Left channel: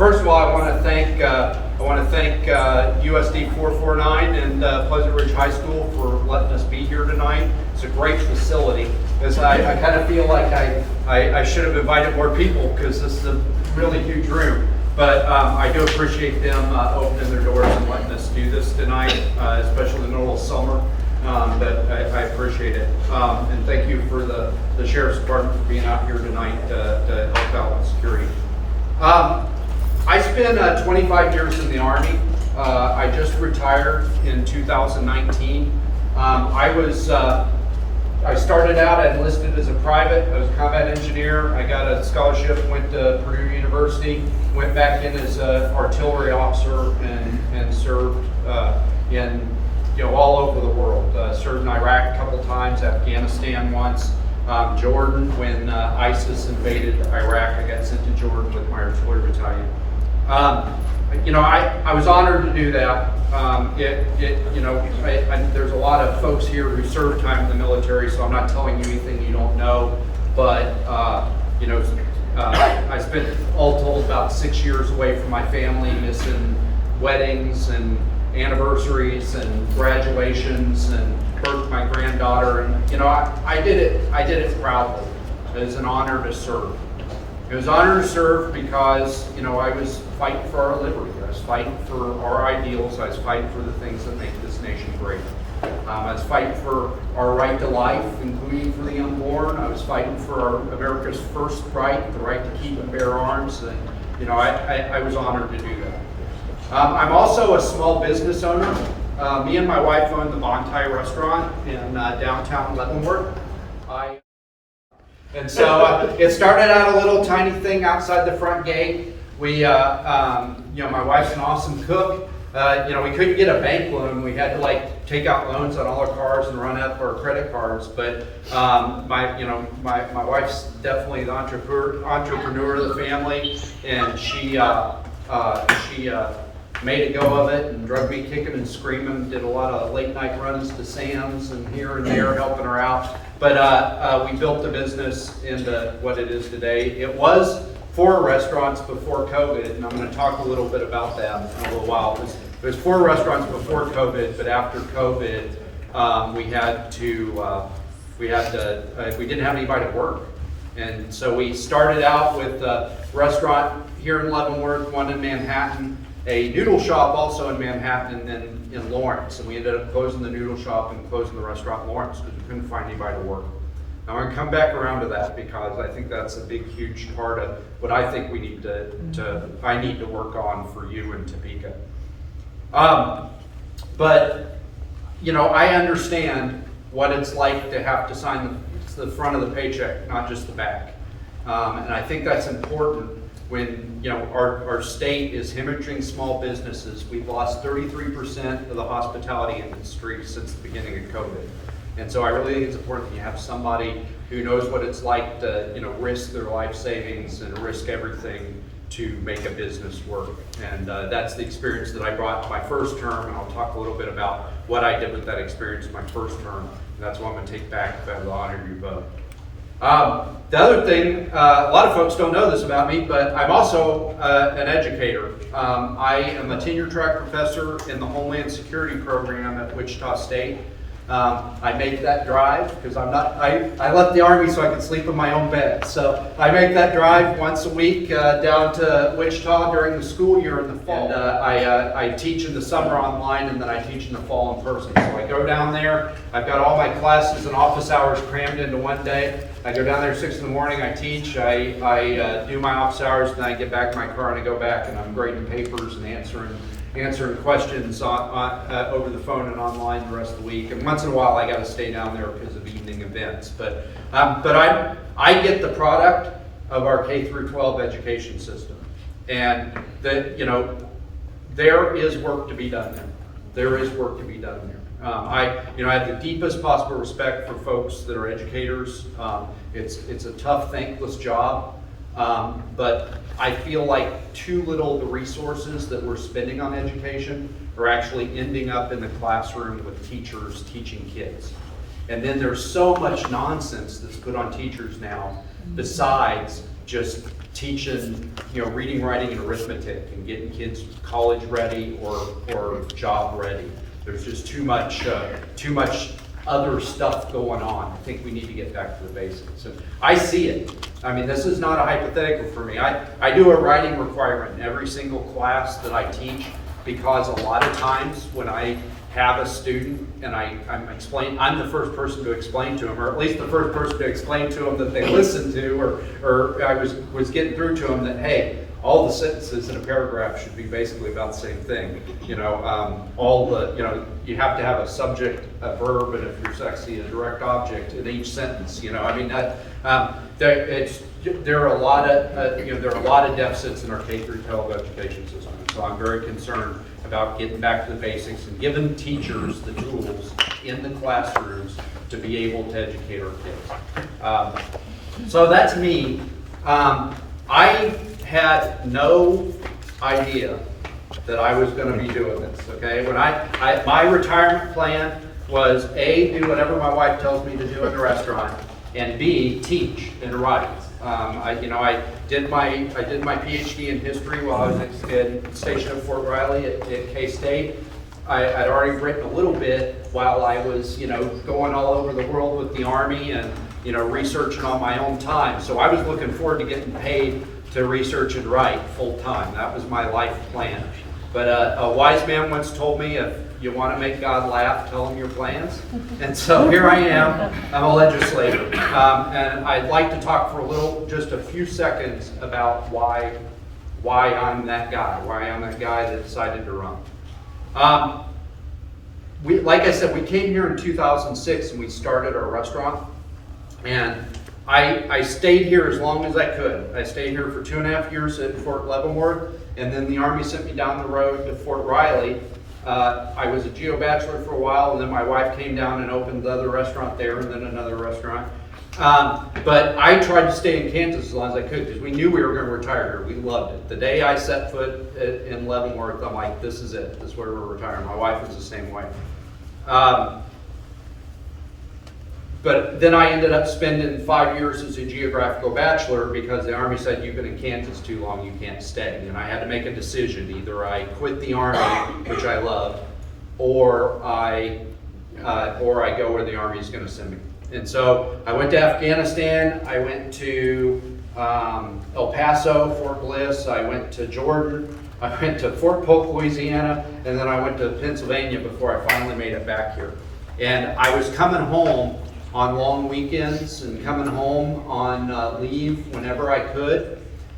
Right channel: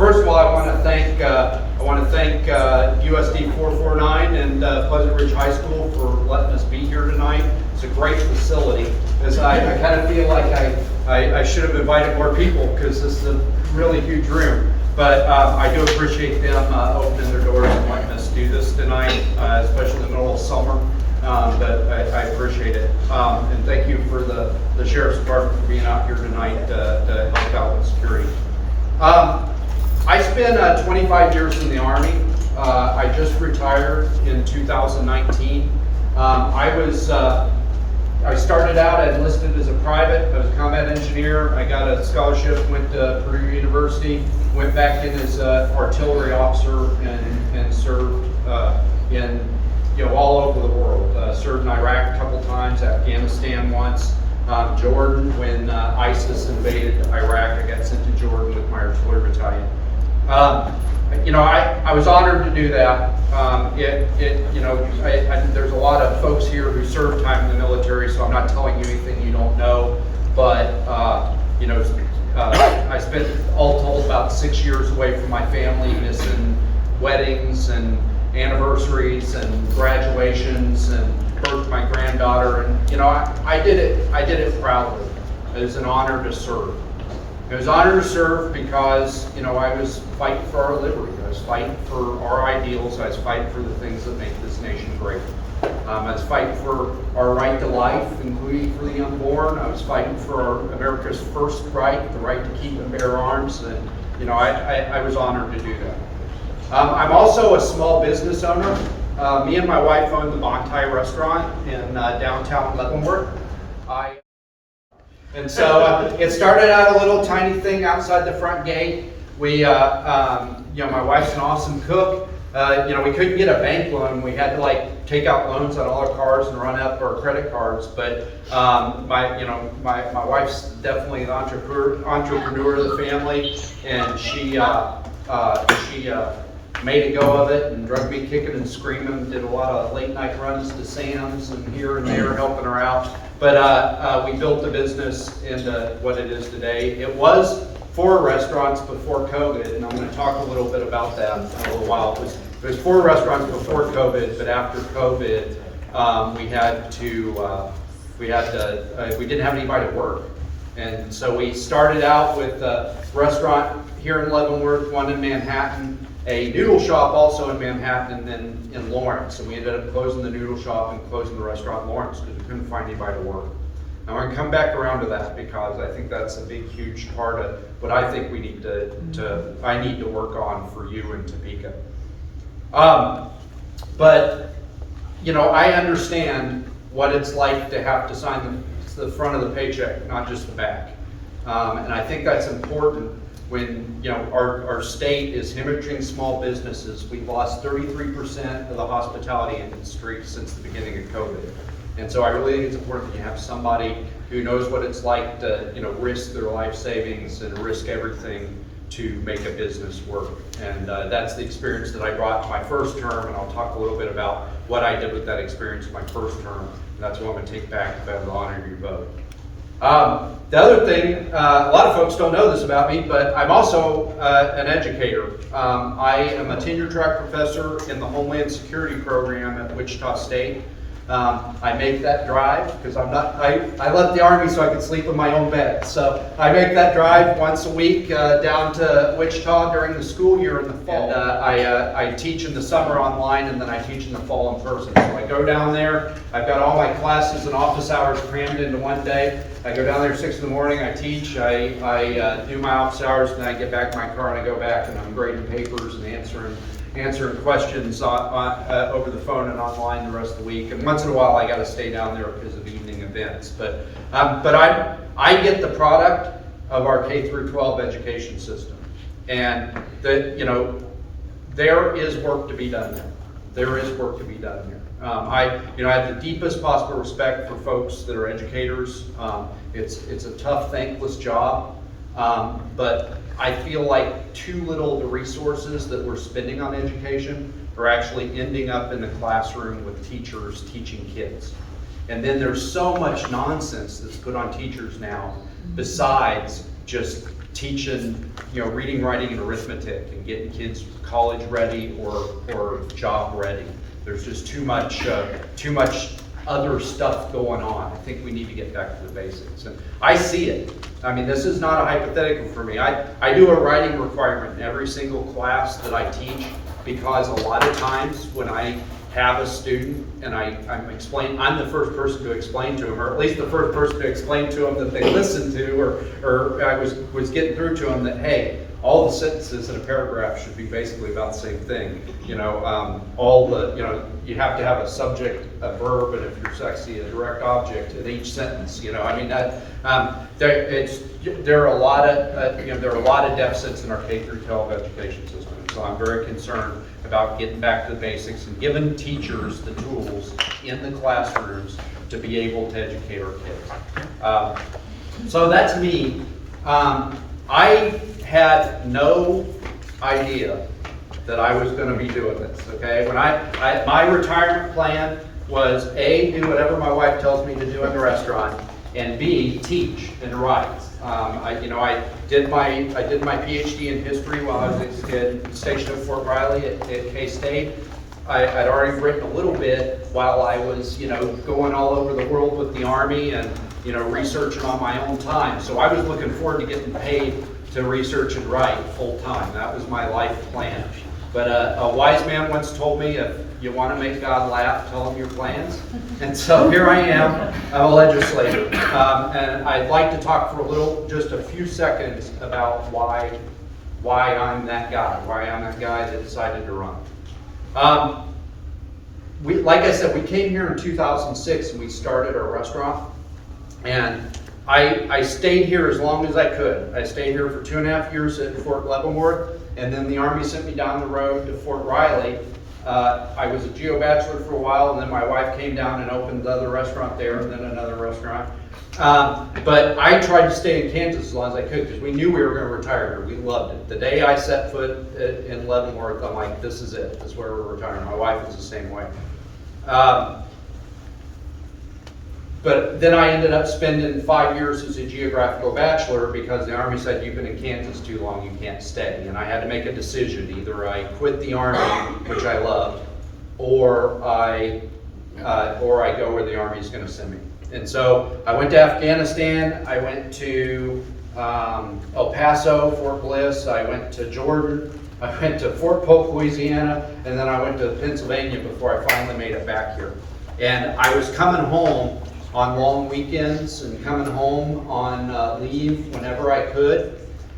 First of all, I want to thank USD 449 and Pleasant Ridge High School for letting us be here tonight. It's a great facility. Because I kind of feel like I should have invited more people because this is a really huge room. But I do appreciate them opening their doors and letting us do this tonight, especially in the middle of summer. But I appreciate it. And thank you for the Sheriff's Department for being out here tonight to help out with security. I spent 25 years in the Army. I just retired in 2019. I started out, I enlisted as a private. I was a combat engineer. I got a scholarship, went to Purdue University, went back in as an artillery officer and served in all over the world. Served in Iraq a couple times, Afghanistan once, Jordan when ISIS invaded Iraq. I got sent to Jordan with my artillery battalion. I was honored to do that. There's a lot of folks here who served time in the military, so I'm not telling you anything you don't know. But I spent all told about 6 years away from my family, missing weddings and anniversaries and graduations and birth of my granddaughter. And I did it proudly. It was an honor to serve. It was an honor to serve because, I was fighting for our liberty. I was fighting for our ideals. I was fighting for the things that make this nation great. I was fighting for our right to life, including for the unborn. I was fighting for America's first right, the right to keep and bear arms. And, I was honored to do that. I'm also a small business owner. Me and my wife own the Bontai restaurant in downtown Leavenworth. And so it started out a little tiny thing outside the front gate. We, my wife's an awesome cook. We couldn't get a bank loan. We had to take out loans on all our cars and run up our credit cards. But my wife's definitely the entrepreneur of the family, and she made a go of it and drug me kicking and screaming. Did a lot of late night runs to Sam's and here and there helping her out. But we built the business into what it is today. It was 4 restaurants before COVID, and I'm going to talk a little bit about that in a little while. It was 4 restaurants before COVID, but after COVID, we didn't have anybody to work. And so we started out with a restaurant here in Leavenworth, one in Manhattan, a noodle shop also in Manhattan, and then in Lawrence. And we ended up closing the noodle shop and closing the restaurant in Lawrence because we couldn't find anybody to work. I'm going to come back around to that because I think that's a big, huge part of what I think we need I need to work on for you in Topeka. But I understand what it's like to have to sign the front of the paycheck, not just the back. And I think that's important when our state is hemorrhaging small businesses. We've lost 33% of the hospitality industry since the beginning of COVID. And so I really think it's important that you have somebody who knows what it's like to risk their life savings and risk everything to make a business work. And that's the experience that I brought my first term, and I'll talk a little bit about what I did with that experience in my first term. And that's what I'm going to take back if I have the honor of your vote. The other thing, a lot of folks don't know this about me, but I'm also an educator. I am a tenure-track professor in the Homeland Security program at Wichita State. I make that drive because I left the Army so I could sleep in my own bed. So I make that drive once a week down to Wichita during the school year in the fall. And I teach in the summer online, and then I teach in the fall in person. So I go down there. I've got all my classes and office hours crammed into one day. I go down there at 6 in the morning, I teach, I do my office hours, and then I get back in my car and I go back and I'm grading papers and answering questions over the phone and online the rest of the week. And once in a while I got to stay down there because of evening events. But I get the product of our K through 12 education system, and there is work to be done there. There is work to be done there. I have the deepest possible respect for folks that are educators. It's a tough, thankless job, but I feel like too little of the resources that we're spending on education are actually ending up in the classroom with teachers teaching kids. And then there's so much nonsense that's put on teachers now besides just teaching, reading, writing, and arithmetic and getting kids college ready or job ready. There's just too much other stuff going on. I think we need to get back to the basics. And I see it. I mean, this is not a hypothetical for me. I do a writing requirement in every single class that I teach, because a lot of times when I have a student and I'm the first person to explain to them, or at least the first person to explain to them that they listened to, or I was getting through to them that, hey, all the sentences in a paragraph should be basically about the same thing. You have to have a subject, a verb, and if you're sexy, a direct object in each sentence. There are a lot of deficits in our K-12 education system. And so I'm very concerned about getting back to the basics and giving teachers the tools in the classrooms to be able to educate our kids. So that's me. I had no idea that I was going to be doing this. Okay, when my retirement plan was A, do whatever my wife tells me to do in the restaurant, and B, teach and write. I did my PhD in history while I was stationed at Fort Riley at K-State. I'd already written a little bit while I was, going all over the world with the Army and, researching on my own time. So I was looking forward to getting paid to research and write full time. That was my life plan. But a wise man once told me, if you want to make God laugh, tell him your plans. And so here I am. I'm a legislator. And I'd like to talk for just a few seconds about why I'm that guy, that decided to run. Like I said, we came here in 2006 and we started our restaurant. And I stayed here as long as I could. I stayed here for 2.5 years at Fort Leavenworth, and then the Army sent me down the road to Fort Riley. I was a geo bachelor for a while, and then my wife came down and opened the other restaurant there, and then another restaurant. But I tried to stay in Kansas as long as I could, because we knew we were going to retire here. We loved it. The day I set foot in Leavenworth, I'm like, this is it. This is where we're retiring. My wife was the same way. But then I ended up spending 5 years as a geographical bachelor, because the Army said, you've been in Kansas too long, you can't stay. And I had to make a decision. Either I quit the Army, which I loved, or I go where the Army is going to send me. And so I went to Afghanistan, I went to El Paso, Fort Bliss, I went to Jordan, I went to Fort Polk, Louisiana, and then I went to Pennsylvania before I finally made it back here. And I was coming home on long weekends and coming home on leave whenever I could.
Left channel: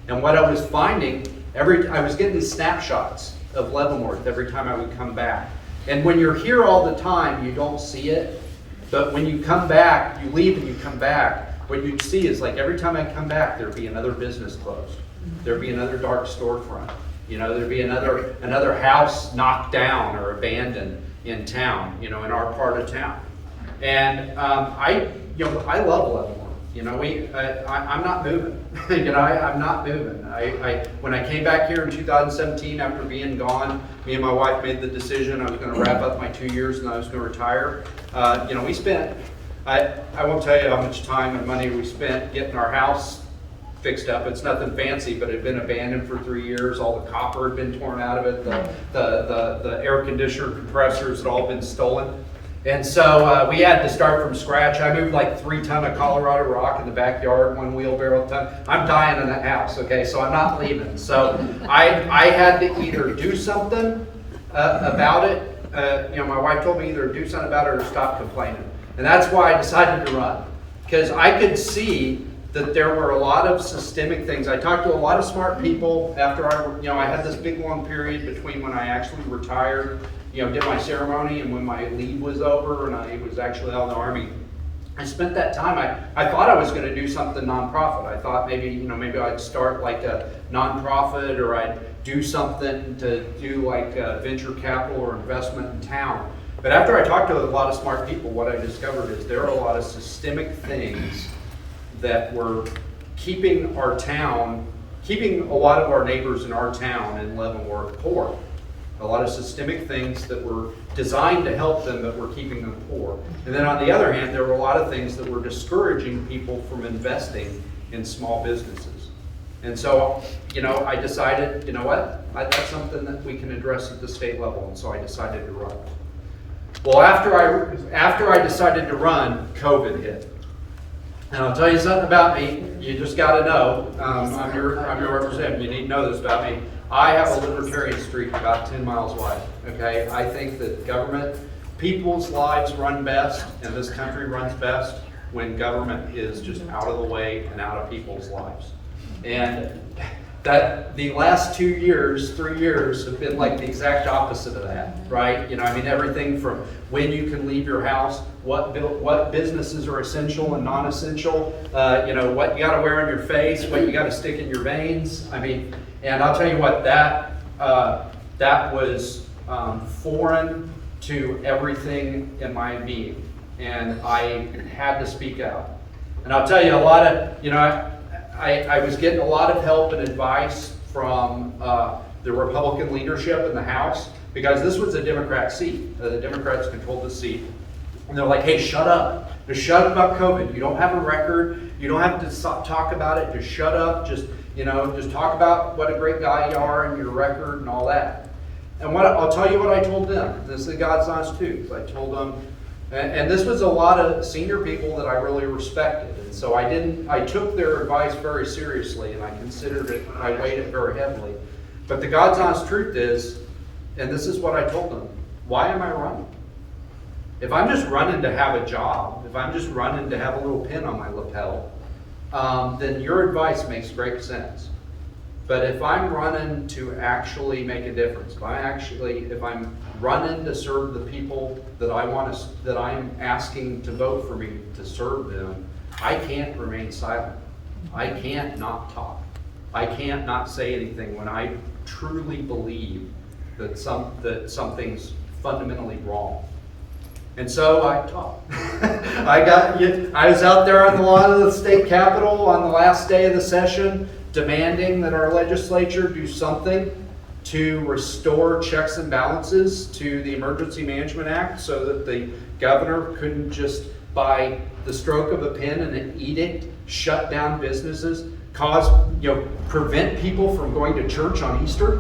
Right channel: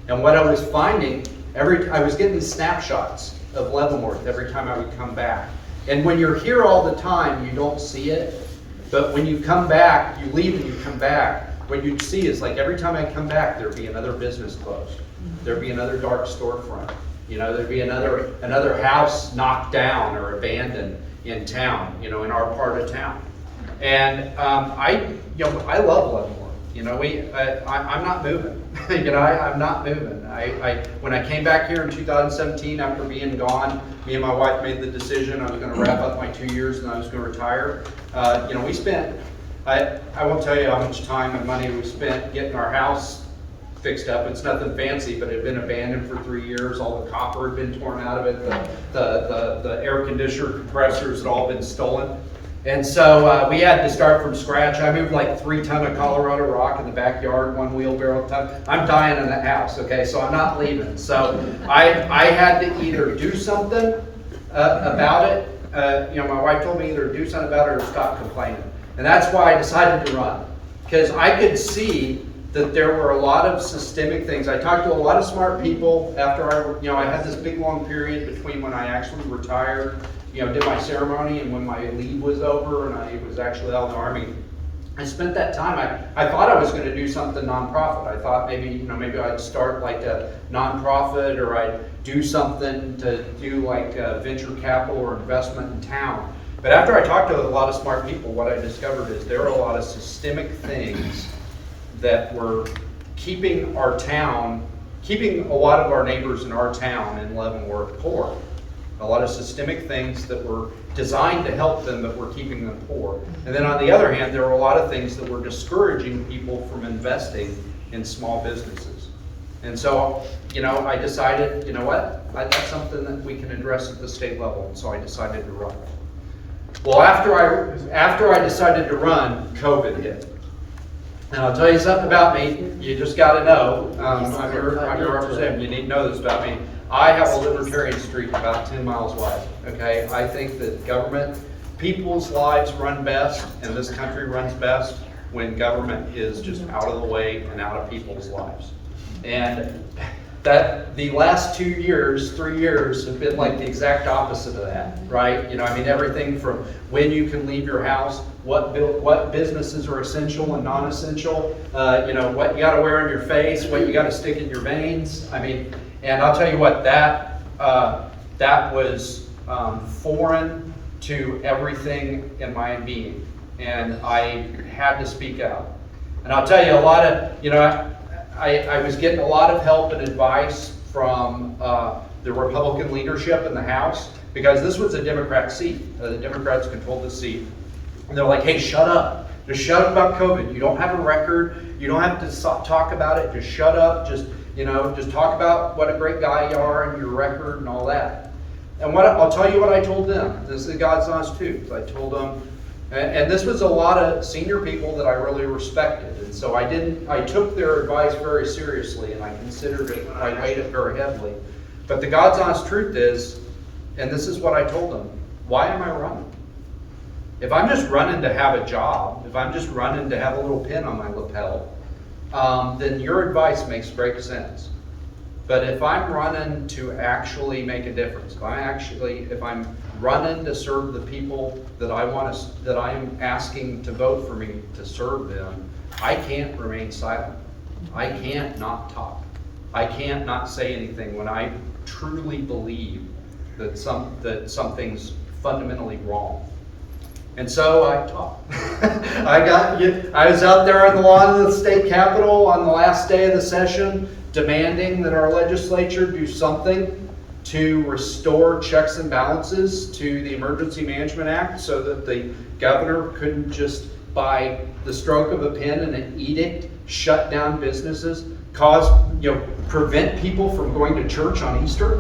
And what I was finding, I was getting these snapshots of Leavenworth every time I would come back. And when you're here all the time, you don't see it. But when you come back, you leave and you come back, what you'd see is, like, every time I come back, there'd be another business closed. There'd be another dark storefront. There'd be another house knocked down or abandoned in town, in our part of town. And I love Leavenworth. I'm not moving. I'm not moving. When I came back here in 2017 after being gone, me and my wife made the decision I was going to wrap up my 2 years and I was going to retire. We spent, I won't tell you how much time and money we spent getting our house fixed up. It's nothing fancy, but it had been abandoned for 3 years. All the copper had been torn out of it. The air conditioner compressors had all been stolen. And so we had to start from scratch. I moved like 3 tons of Colorado rock in the backyard, 1 wheelbarrow at a time. I'm dying in that house, okay? So I'm not leaving. So I had to either do something about it. My wife told me either do something about it or stop complaining. And that's why I decided to run. Because I could see that there were a lot of systemic things. I talked to a lot of smart people after I had this big long period between when I actually retired, did my ceremony, and when my leave was over and I was actually out in the Army. I spent that time, I thought I was going to do something nonprofit. I thought maybe I'd start like a nonprofit, or I'd do something to do like venture capital or investment in town. But after I talked to a lot of smart people, what I discovered is there are a lot of systemic things that were keeping a lot of our neighbors in our town in Leavenworth poor. A lot of systemic things that were designed to help them, but were keeping them poor. And then on the other hand, there were a lot of things that were discouraging people from investing in small businesses. And so, I decided, you know what? That's something that we can address at the state level, and so I decided to run. Well, after I decided to run, COVID hit. And I'll tell you something about me, you just gotta know, I'm your representative, you need to know this about me. I have a libertarian streak about 10 miles wide, okay? I think that people's lives run best, and this country runs best when government is just out of the way and out of people's lives. And that the last 2 years, 3 years have been like the exact opposite of that, right? Everything from when you can leave your house, what businesses are essential and non-essential, what you gotta wear on your face, what you gotta stick in your veins. And I'll tell you what, that was foreign to everything in my being. And I had to speak out. And I'll tell you I was getting a lot of help and advice from the Republican leadership in the House, because this was a Democrat seat. The Democrats controlled the seat. And they're like, hey, shut up. Just shut up about COVID. You don't have a record. You don't have to talk about it. Just shut up. Just talk about what a great guy you are and your record and all that. And I'll tell you what I told them. This is God's honest truth. I told them, and this was a lot of senior people that I really respected. And so I took their advice very seriously, and I considered it, I weighed it very heavily. But the God's honest truth is, and this is what I told them, why am I running? If I'm just running to have a job, if I'm just running to have a little pin on my lapel, then your advice makes great sense. But if I'm running to actually make a difference, if I'm running to serve the people that I'm asking to vote for me to serve them, I can't remain silent. I can't not talk. I can't not say anything when I truly believe that something's fundamentally wrong. And so I talked. I was out there on the lawn of the state capitol on the last day of the session, demanding that our legislature do something to restore checks and balances to the Emergency Management Act, so that the governor couldn't just, by the stroke of a pen and an edict, shut down businesses, prevent people from going to church on Easter.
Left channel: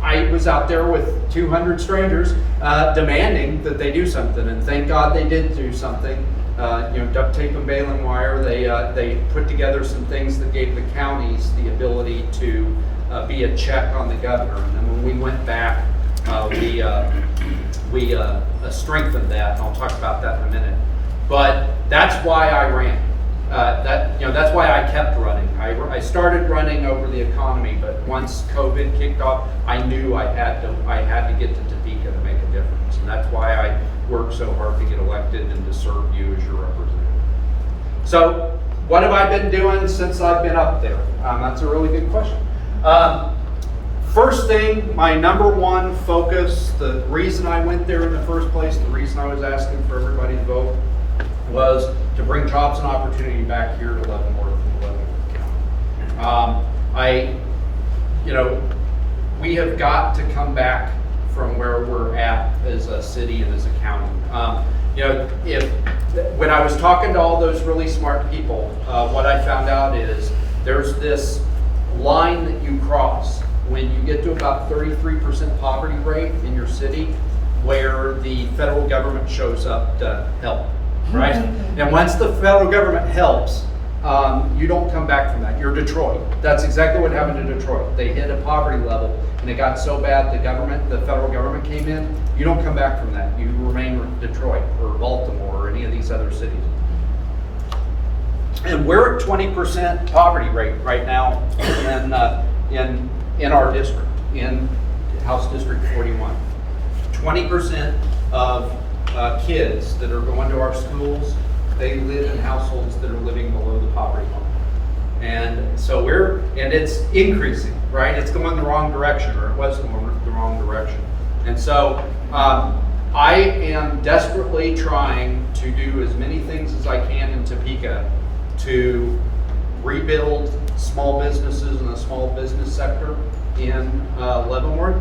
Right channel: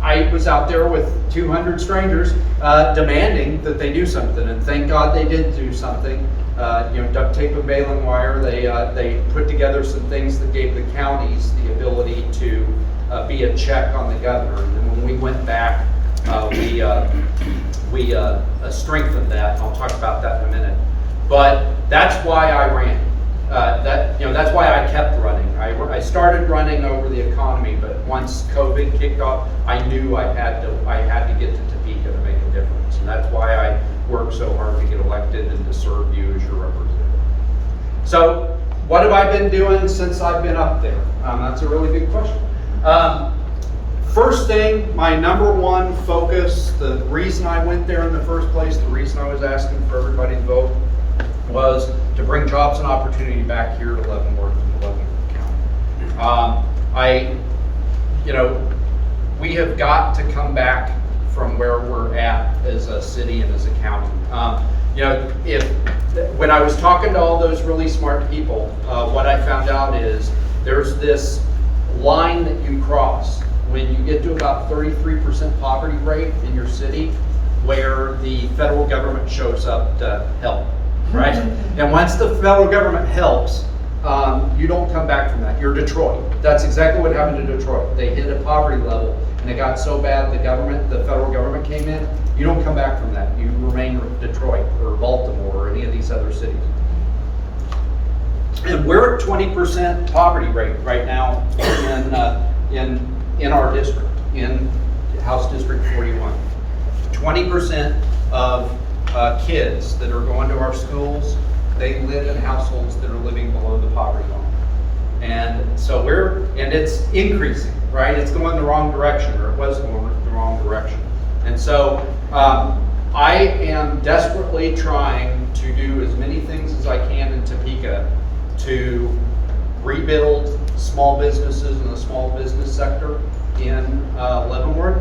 I was out there with 200 strangers demanding that they do something, and thank God they did do something. Duct tape and baling wire. They put together some things that gave the counties the ability to be a check on the governor. And then when we went back, we strengthened that. And I'll talk about that in a minute. But that's why I ran. That's why I kept running. I started running over the economy, but once COVID kicked off, I knew I had to get to Topeka to make a difference, and that's why I worked so hard to get elected and to serve you as your representative. So, what have I been doing since I've been up there? That's a really good question. First thing, my number one focus, the reason I went there in the first place, the reason I was asking for everybody to vote, was to bring jobs and opportunity back here to Leavenworth and Leavenworth County. We have got to come back from where we're at as a city and as a county. When I was talking to all those really smart people, what I found out is there's this line that you cross when you get to about 33% poverty rate in your city, where the federal government shows up to help. Right? And once the federal government helps, you don't come back from that. You're Detroit. That's exactly what happened to Detroit. They hit a poverty level, and it got so bad the federal government came in. You don't come back from that. You remain Detroit or Baltimore or any of these other cities. And we're at 20% poverty rate right now in our district, in House District 41. 20% of kids that are going to our schools, they live in households that are living below the poverty line. And so it's increasing, right? It's going the wrong direction, or it was going the wrong direction. And so I am desperately trying to do as many things as I can in Topeka to rebuild small businesses in the small business sector in Leavenworth,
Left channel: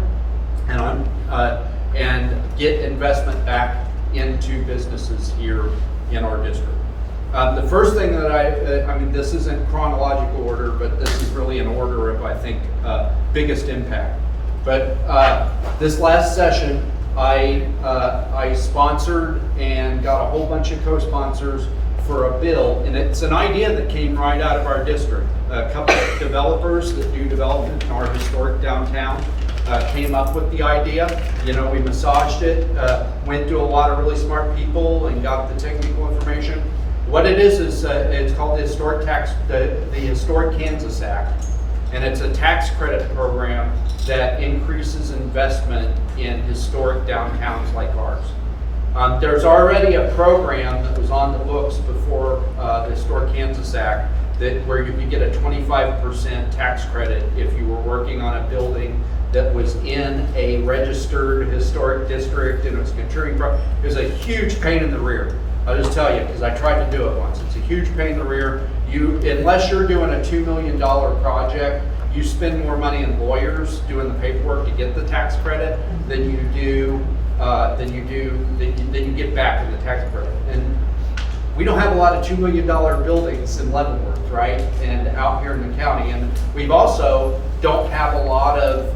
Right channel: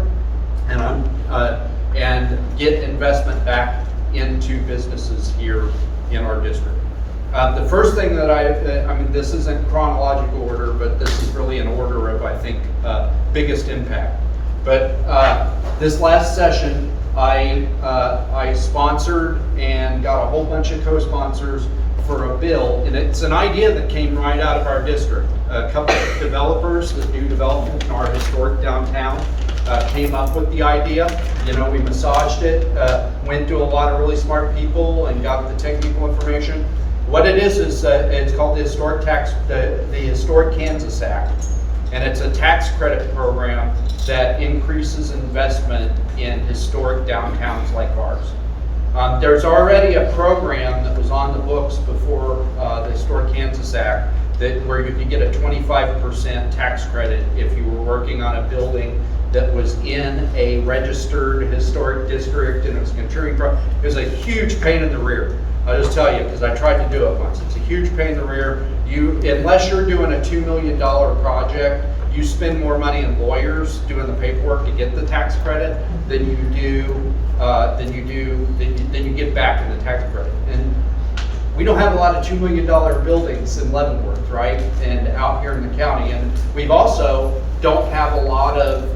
and get investment back into businesses here in our district. The first thing that I mean, this isn't chronological order, but this is really an order of, I think, biggest impact. But this last session, I sponsored and got a whole bunch of co-sponsors for a bill, and it's an idea that came right out of our district. A couple of developers that do development in our historic downtown came up with the idea. You know, we massaged it, went to a lot of really smart people and got the technical information. What it is it's called the Historic Kansas Act, and it's a tax credit program that increases investment in historic downtowns like ours. There's already a program that was on the books before the Historic Kansas Act where you could get a 25% tax credit if you were working on a building that was in a registered historic district and it was contributing. It was a huge pain in the rear. I'll just tell you, because I tried to do it once. It's a huge pain in the rear. Unless you're doing a $2 million project, you spend more money in lawyers doing the paperwork to get the tax credit than you get back in the tax credit. And we don't have a lot of $2 million buildings in Leavenworth, right? And out here in the county. And we've also don't have a lot of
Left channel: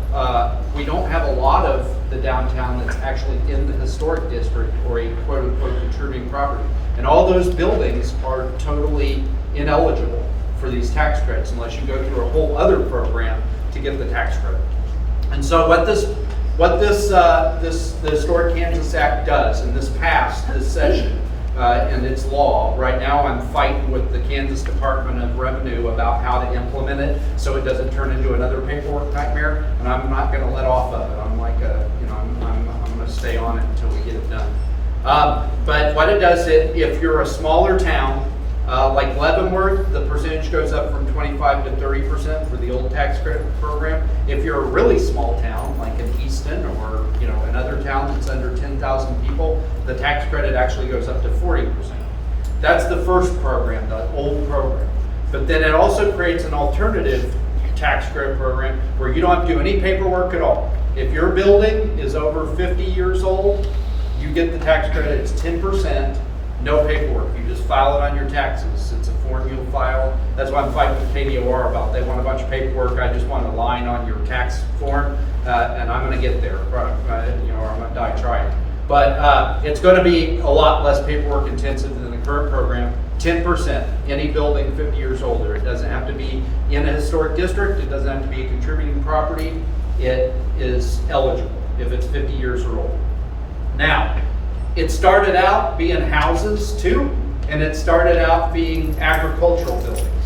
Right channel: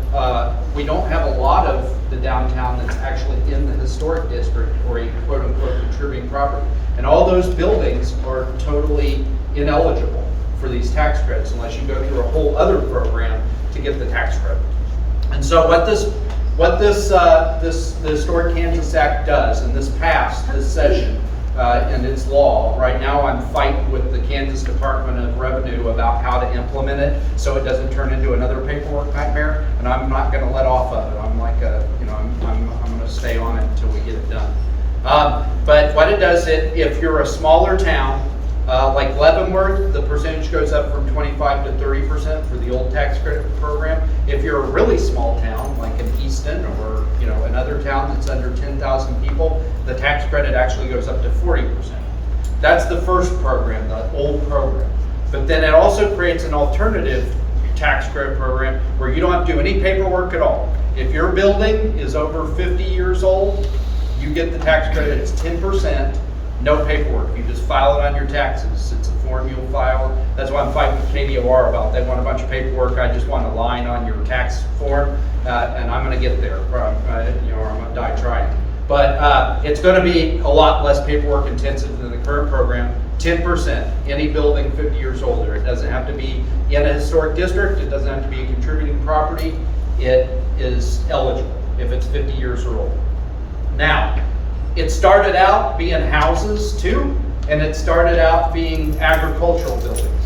the downtown that's actually in the historic district or a quote unquote contributing property. And all those buildings are totally ineligible for these tax credits unless you go through a whole other program to get the tax credit. And so the Historic Kansas Act does, and this passed this session, and it's law. Right now I'm fighting with the Kansas Department of Revenue about how to implement it so it doesn't turn into another paperwork nightmare, and I'm not going to let off of it. I'm like I'm going to stay on it until we get it done. But what it does, if you're a smaller town, like Leavenworth, the percentage goes up from 25 to 30% for the old tax credit program. If you're a really small town, like an Easton or another town that's under 10,000 people, the tax credit actually goes up to 40%. That's the first program, the old program. But then it also creates an alternative tax credit program where you don't have to do any paperwork at all. If your building is over 50 years old, you get the tax credit. It's 10%. No paperwork. You just file it on your taxes. It's a form you'll file. That's what I'm fighting with KDOR about. They want a bunch of paperwork. I just want a line on your tax form, and I'm going to get there. Or I'm going to die trying. But it's going to be a lot less paperwork intensive than the current program. 10%. Any building 50 years older. It doesn't have to be in a historic district. It doesn't have to be a contributing property. It is eligible if it's 50 years or older. Now, it started out being houses too, and it started out being agricultural buildings.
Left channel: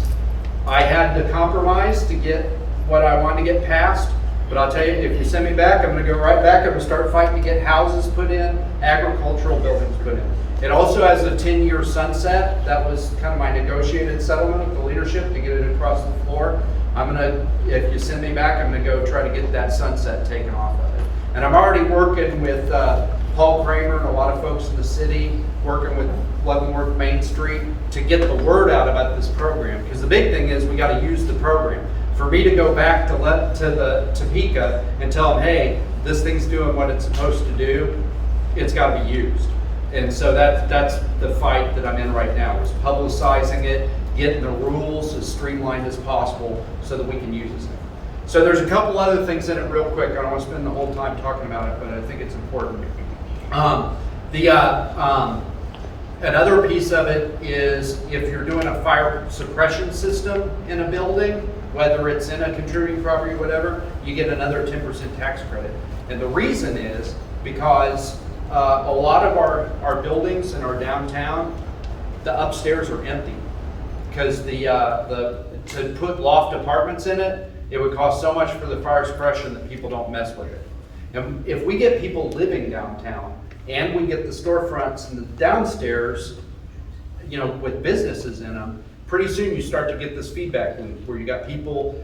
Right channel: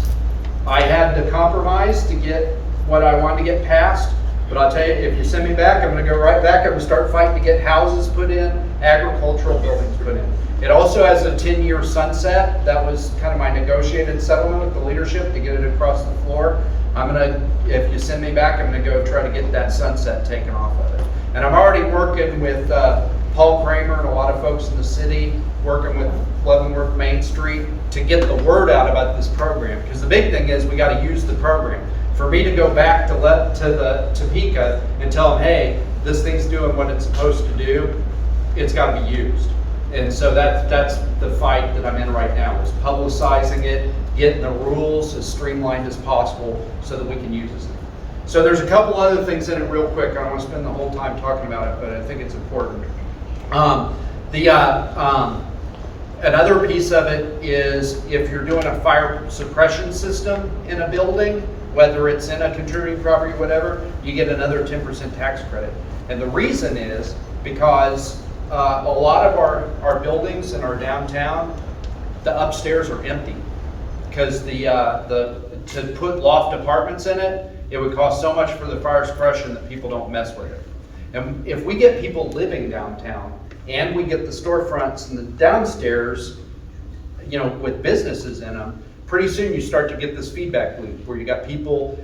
I had to compromise to get what I wanted to get passed, but I'll tell you, if you send me back, I'm going to go right back. I'm going to start fighting to get houses put in, agricultural buildings put in. It also has a 10-year sunset. That was kind of my negotiated settlement with the leadership to get it across the floor. If you send me back, I'm going to go try to get that sunset taken off of it. And I'm already working with Paul Kramer and a lot of folks in the city, working with Leavenworth Main Street to get the word out about this program. Because the big thing is we got to use the program. For me to go back to Topeka and tell them, hey, this thing's doing what it's supposed to do, it's got to be used. And so that's the fight that I'm in right now, is publicizing it, getting the rules as streamlined as possible so that we can use this thing. So there's a couple other things in it real quick. I don't want to spend the whole time talking about it, but I think it's important. Another piece of it is if you're doing a fire suppression system in a building, whether it's in a contributing property or whatever, you get another 10% tax credit. And the reason is because a lot of our buildings in our downtown, the upstairs are empty because to put loft apartments in it, it would cost so much for the fire suppression that people don't mess with it. And if we get people living downtown and we get the storefronts and the downstairs, with businesses in them, pretty soon you start to get this feedback loop where you got people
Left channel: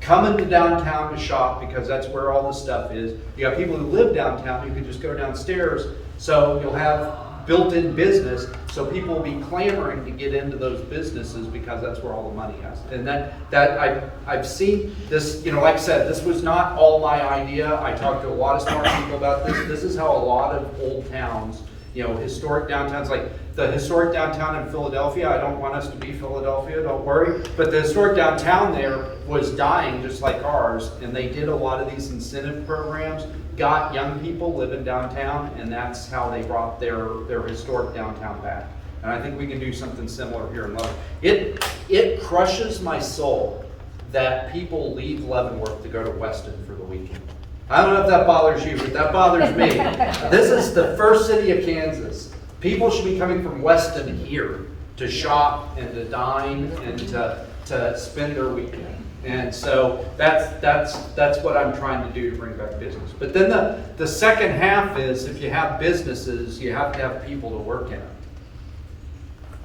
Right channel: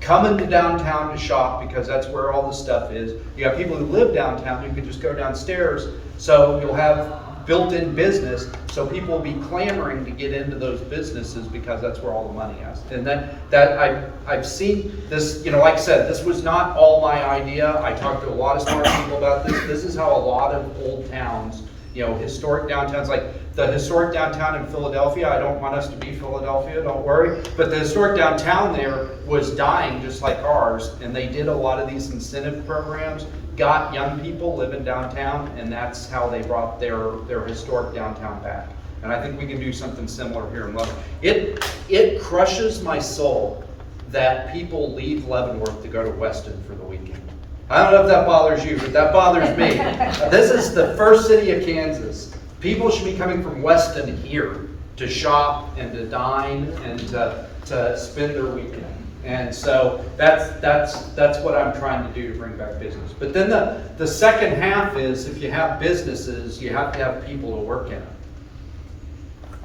coming to downtown to shop because that's where all the stuff is. You got people who live downtown who could just go downstairs. So you'll have built-in business, so people will be clamoring to get into those businesses because that's where all the money is. And that I've seen this, like I said, this was not all my idea. I talked to a lot of smart people about this. This is how a lot of old towns historic downtowns, like the historic downtown in Philadelphia. I don't want us to be Philadelphia, don't worry. But the historic downtown there was dying just like ours, and they did a lot of these incentive programs, got young people living downtown, and that's how they brought their historic downtown back. And I think we can do something similar here in Leavenworth. It crushes my soul that people leave Leavenworth to go to Weston for the weekend. I don't know if that bothers you, but that bothers me. This is the first city of Kansas. People should be coming from Weston here to shop and to dine and to spend their weekend. And so that's what I'm trying to do to bring back business. But then the second half is, if you have businesses, you have to have people to work in it.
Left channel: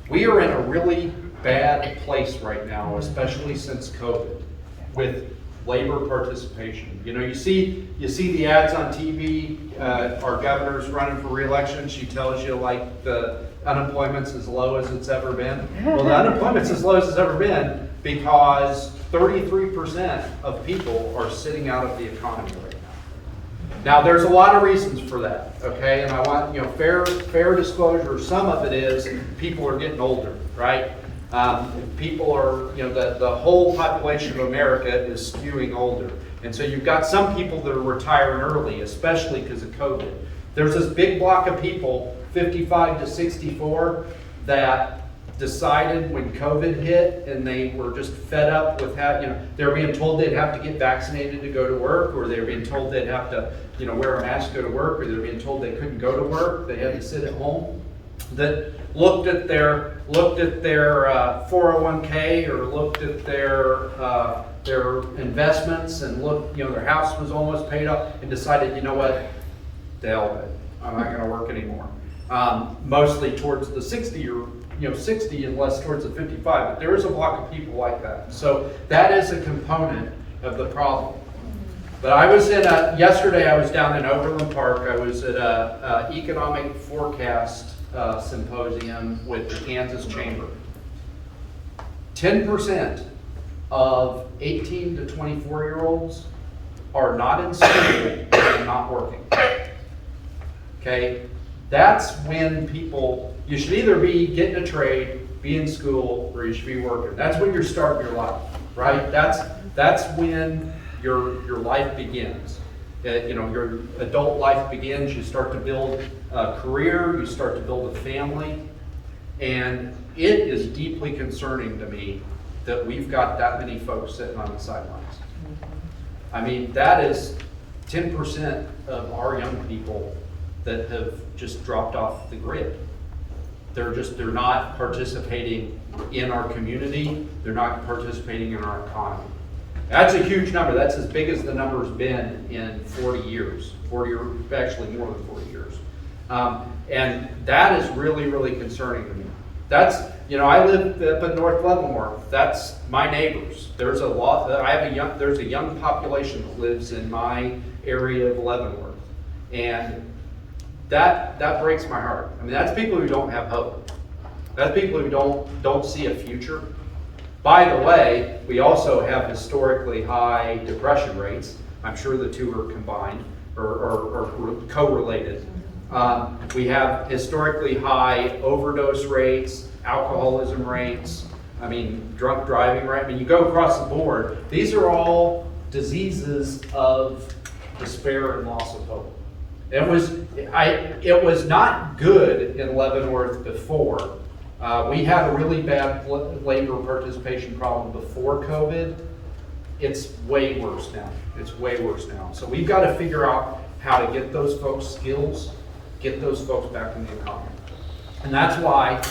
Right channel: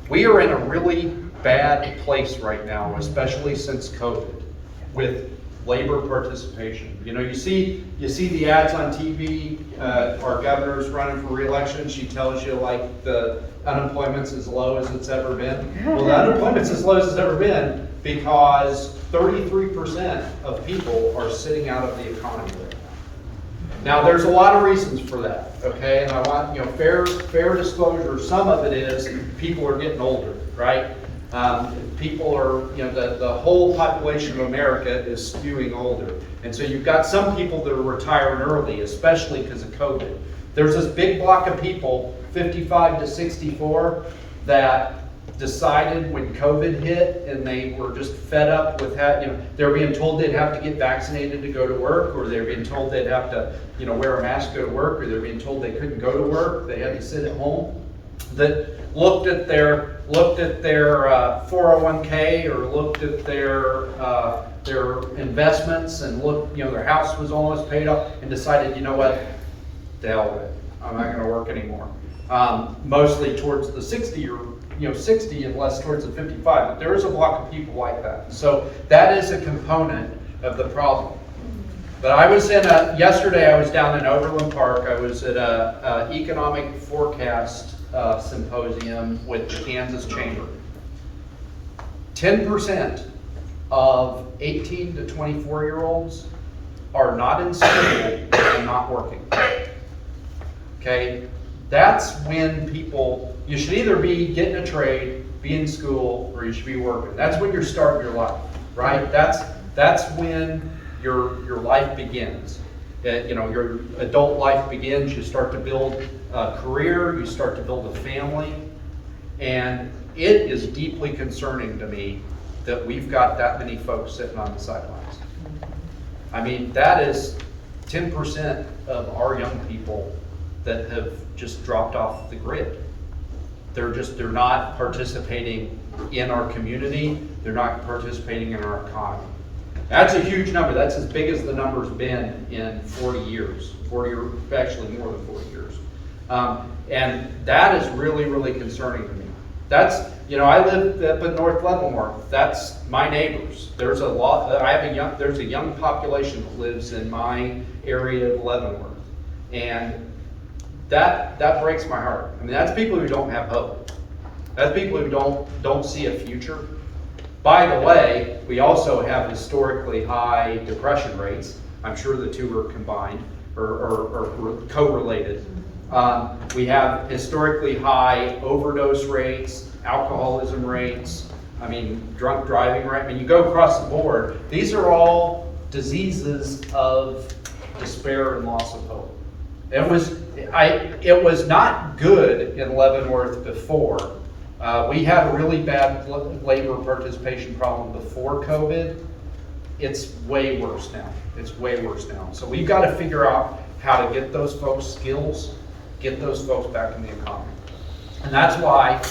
We are in a really bad place right now, especially since COVID, with labor participation. You see the ads on TV. Our governor's running for re-election. She tells you like the unemployment's as low as it's ever been. Well, the unemployment's as low as it's ever been because 33% of people are sitting out of the economy right now. Now, there's a lot of reasons for that, okay? And I want, fair disclosure. Some of it is people are getting older, right? People are, the whole population of America is skewing older. And so you've got some people that are retiring early, especially because of COVID. There's this big block of people, 55 to 64, that decided when COVID hit and they were just fed up with they were being told they'd have to get vaccinated to go to work, or they were being told they'd have to, wear a mask to go to work, or they were being told they couldn't go to work, they had to sit at home, that looked at their 401k or looked at their investments and looked, their house was almost paid off, and decided, what, the hell with it, I'm not going to work anymore. Mostly towards the 60 or 60 and less towards the 55, but there is a block of people like that. So that is a component of the problem. But I was yesterday I was down in Overland Park. I was at a economic forecast symposium with the Kansas Chamber. 10% of 18 to 24-year-olds are not in school and not working. Okay? That's when you should either be getting a trade, be in school, or you should be working. That's when you're starting your life, right? That's when your life begins. Your adult life begins. You start to build a career, you start to build a family, and it is deeply concerning to me that we've got that many folks sitting on the sidelines. I mean, that is 10% of our young people that have just dropped off the grid. They're not participating in our community. They're not participating in our economy. That's a huge number. That's as big as the number's been in 40 years, or actually more than 40 years. And that is really, really concerning to me. That's, I live up in North Leavenworth. That's my neighbors. There's a young population that lives in my area of Leavenworth. And that breaks my heart. I mean, that's people who don't have hope. That's people who don't see a future. By the way, we also have historically high depression rates. I'm sure the two are combined or correlated. We have historically high overdose rates, alcoholism rates, drunk driving rate. You go across the board. These are all diseases of despair and loss of hope. It was not good in Leavenworth before. We had a really bad labor participation problem before COVID. It's way worse now. So we've got to figure out how to get those folks skills, get those folks back in the economy. And that's why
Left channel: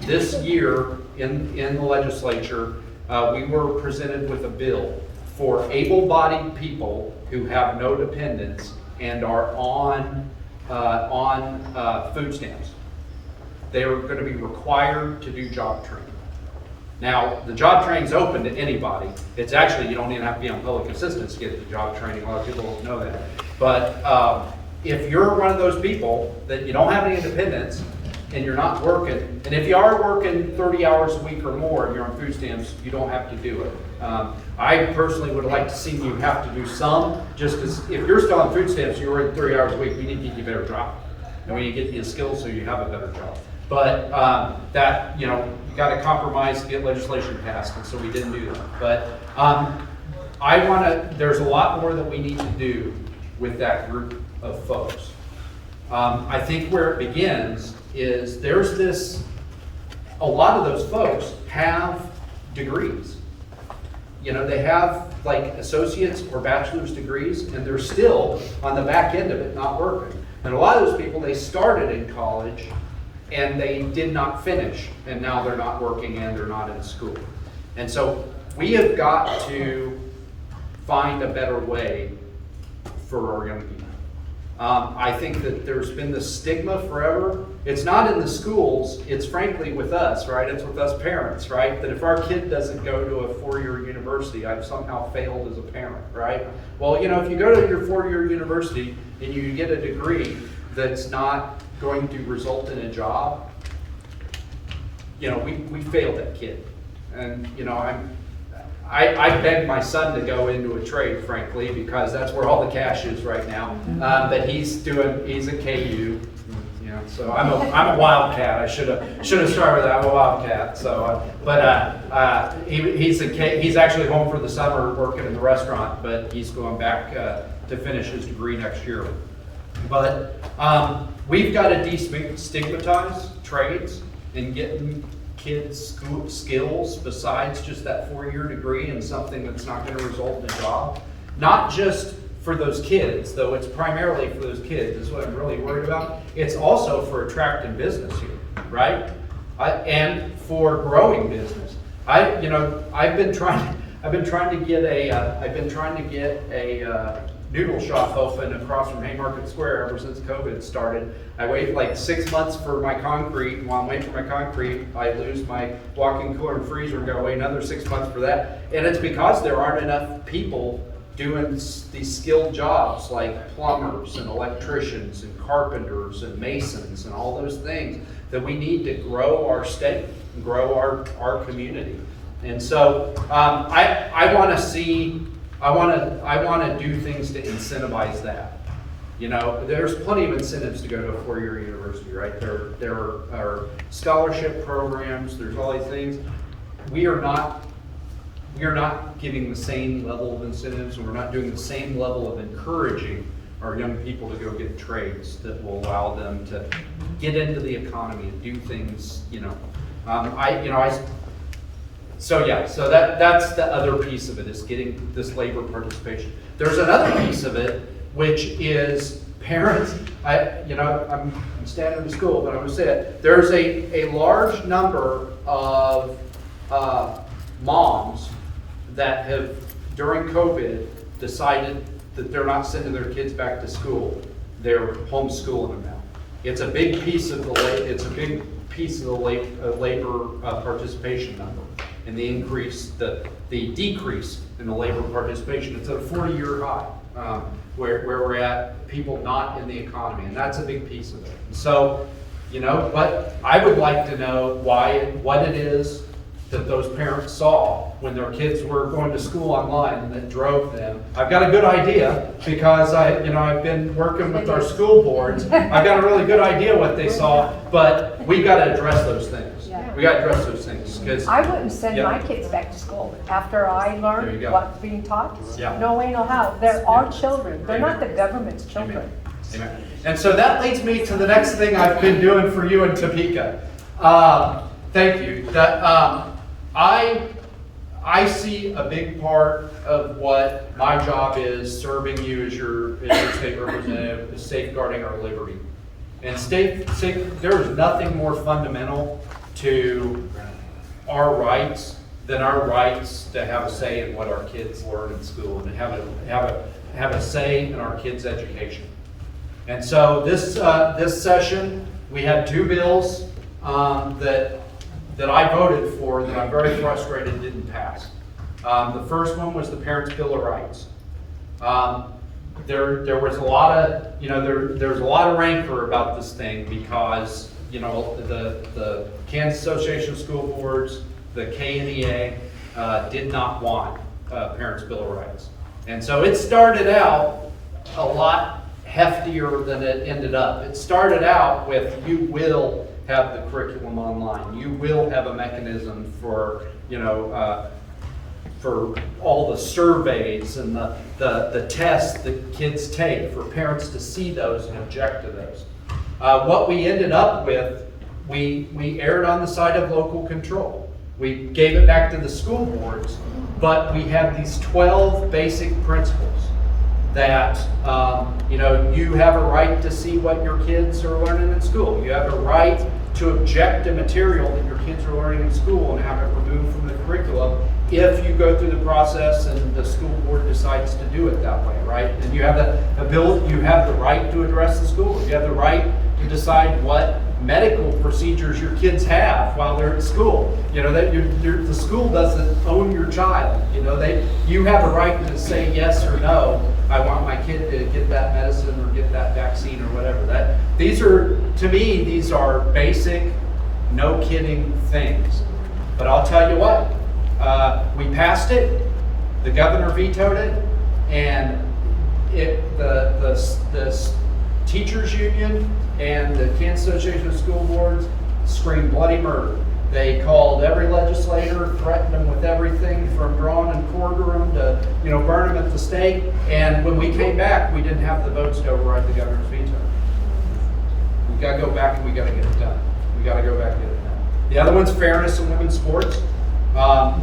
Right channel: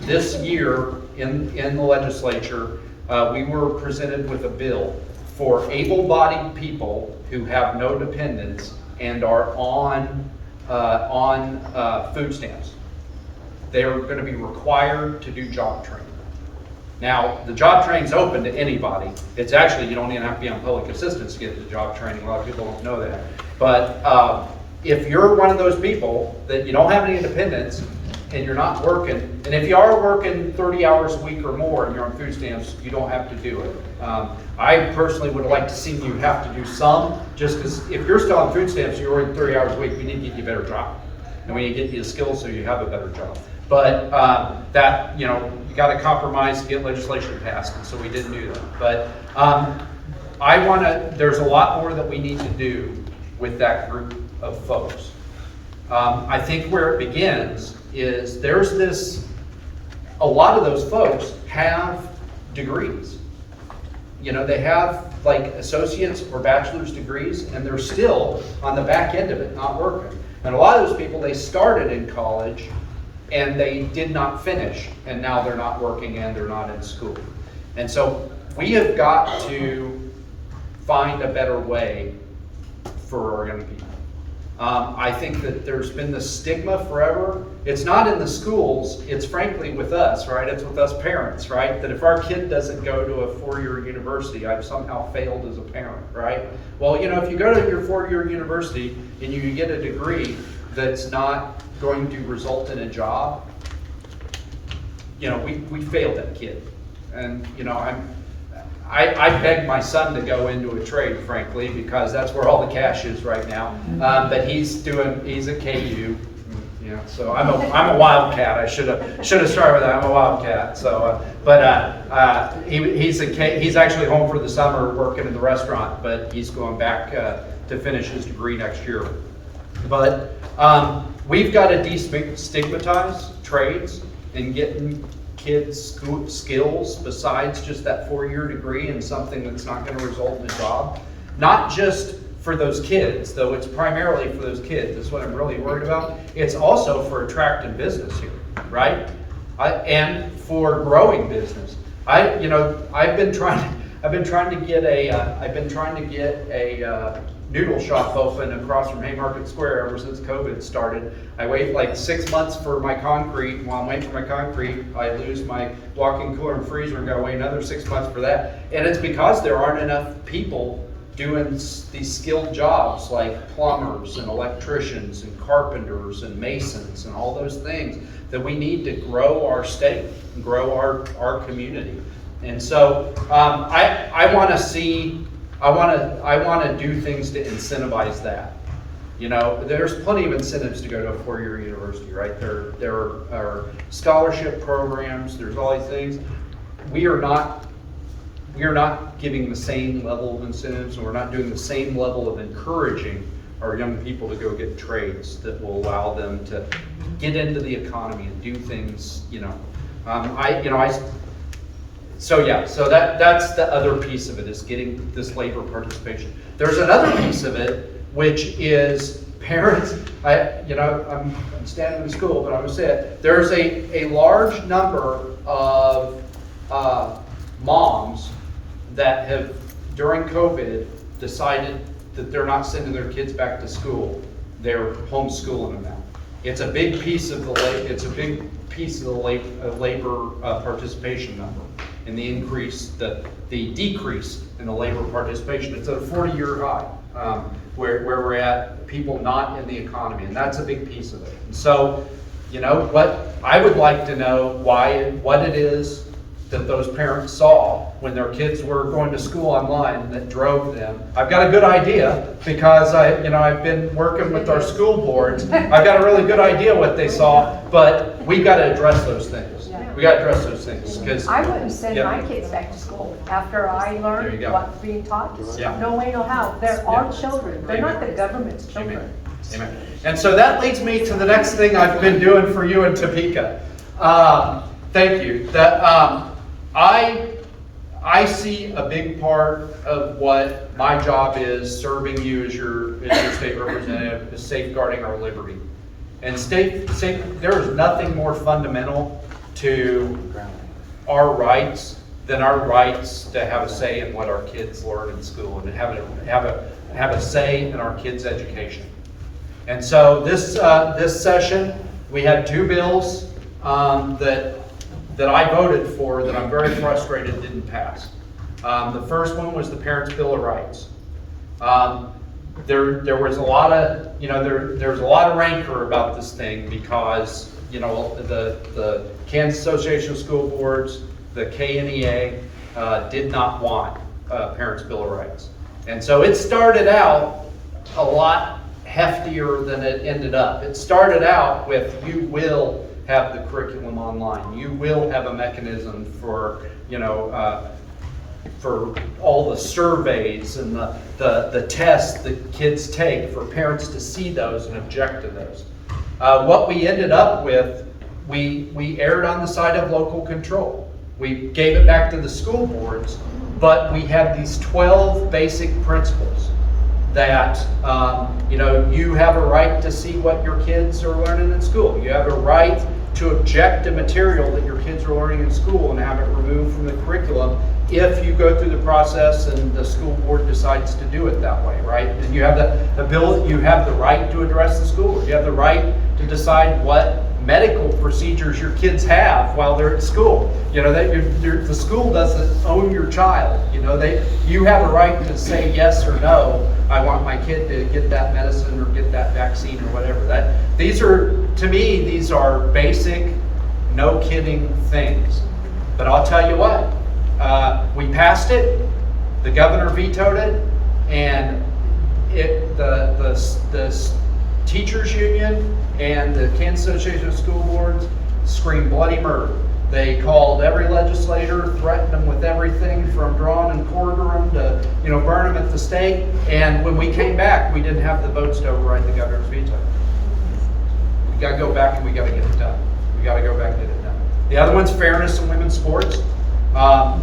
this year in the legislature, we were presented with a bill for able-bodied people who have no dependents and are on food stamps. They are going to be required to do job training. Now, the job training's open to anybody. It's actually, you don't even have to be on public assistance to get the job training. A lot of people don't know that. But if you're one of those people that you don't have any independence and you're not working, and if you are working 30 hours a week or more and you're on food stamps, you don't have to do it. I personally would have liked to see you have to do some, just because if you're still on food stamps and you're working 30 hours a week, we need to get you a better job. and we need to get you the skills so you have a better job. But that, you know, you got to compromise to get legislation passed, and so we didn't do that. But there's a lot more that we need to do with that group of folks. I think where it begins is a lot of those folks have degrees. You know, they have like associates or bachelor's degrees, and they're still on the back end of it not working. And a lot of those people, they started in college and they did not finish, and now they're not working and they're not in school. And so we have got to find a better way for our young people. I think that there's been this stigma forever. It's not in the schools, it's frankly with us, right? It's with us parents, right? That if our kid doesn't go to a four-year university, I've somehow failed as a parent, right? Well, you know, if you go to your four-year university and you get a degree that's not going to result in a job, you know, we failed that kid. And, you know, I begged my son to go into a trade, frankly, because that's where all the cash is right now. But he's at KU, you know, so I'm a wildcat. I should have started with that. I'm a wildcat. So, he's actually home for the summer working in the restaurant, but he's going back to finish his degree next year. But we've got to destigmatize trades and getting kids skills besides just that four-year degree and something that's not going to result in a job. Not just for those kids, though it's primarily for those kids, is what I'm really worried about. It's also for attracting business here, right? And for growing business. I've been trying to get a noodle shop open across from Haymarket Square ever since COVID started. I wait like 6 months for my concrete, and while I'm waiting for my concrete, I lose my walk-in cooler and freezer and gotta wait another 6 months for that. And it's because there aren't enough people doing these skilled jobs like plumbers and electricians and carpenters and masons and all those things that we need to grow our state and grow our community. And so I want to do things to incentivize that. You know, there's plenty of incentives to go to a four-year university, right? There are scholarship programs. There's all these things. We are not giving the same level of incentives, and we're not doing the same level of encouraging our young people to go get trades that will allow them to get into the economy and do things. So that's the other piece of it, is getting this labor participation. There's another piece of it, which is parents. I'm standing in school, but I'm going to say it. There's a large number of moms that have, during COVID, decided that they're not sending their kids back to school. They're homeschooling them now. It's a big piece of the labor participation number, and the decrease in the labor participation. It's at a 40-year high, where we're at, people not in the economy, and that's a big piece of it. And so, you know, what I would like to know what it is that those parents saw when their kids were going to school online that drove them. I've got a good idea because I've been working with our school boards. I've got a really good idea what they saw, but we got to address those things. Yeah. We got to address those things because I wouldn't send my kids back to school after I learned what's being taught. Yeah. No way, no how. They're our children. They're not the government's children. Amen. And so that leads me to the next thing I've been doing for you in Topeka. Thank you. I see a big part of what my job is, serving you as your state representative, is safeguarding our liberty. And there is nothing more fundamental to our rights than our rights to have a say in what our kids learn in school and to have a say in our kids' education. And so this session, we had two bills that I voted for that I'm very frustrated didn't pass. The first one was the Parents' Bill of Rights. There was a lot of, there's a lot of rancor about this thing because, the Kansas Association of School Boards, the KNEA, did not want Parents' Bill of Rights. And so it started out a lot heftier than it ended up. It started out with, you will have the curriculum online. You will have a mechanism for, for all the surveys and the tests that kids take, for parents to see those and object to those. What we ended up with, we erred on the side of local control. We gave it back to the school boards, but we have these 12 basic principles that, you have a right to see what your kids are learning in school. You have a right to object to material that your kids are learning in school and have it removed from the curriculum if you go through the process and the school board decides to do it that way, right? And you have the ability, you have the right to address the school board. You have the right to decide what medical procedures your kids have while they're at school. The school doesn't own your child. You have a right to say yes or no. I want my kid to get that medicine or get that vaccine or whatever. To me, these are basic, no kidding things. But I'll tell you what, we passed it, the governor vetoed it, and the teachers union and the Kansas Association of School Boards screamed bloody murder. They called every legislator, threatened them with everything from drawing and quarter them to, burn them at the stake. And when we came back, we didn't have the votes to override the governor's veto. We got to go back and we got to get it done. We got to go back and get it done. The other one's fairness in women's sports. I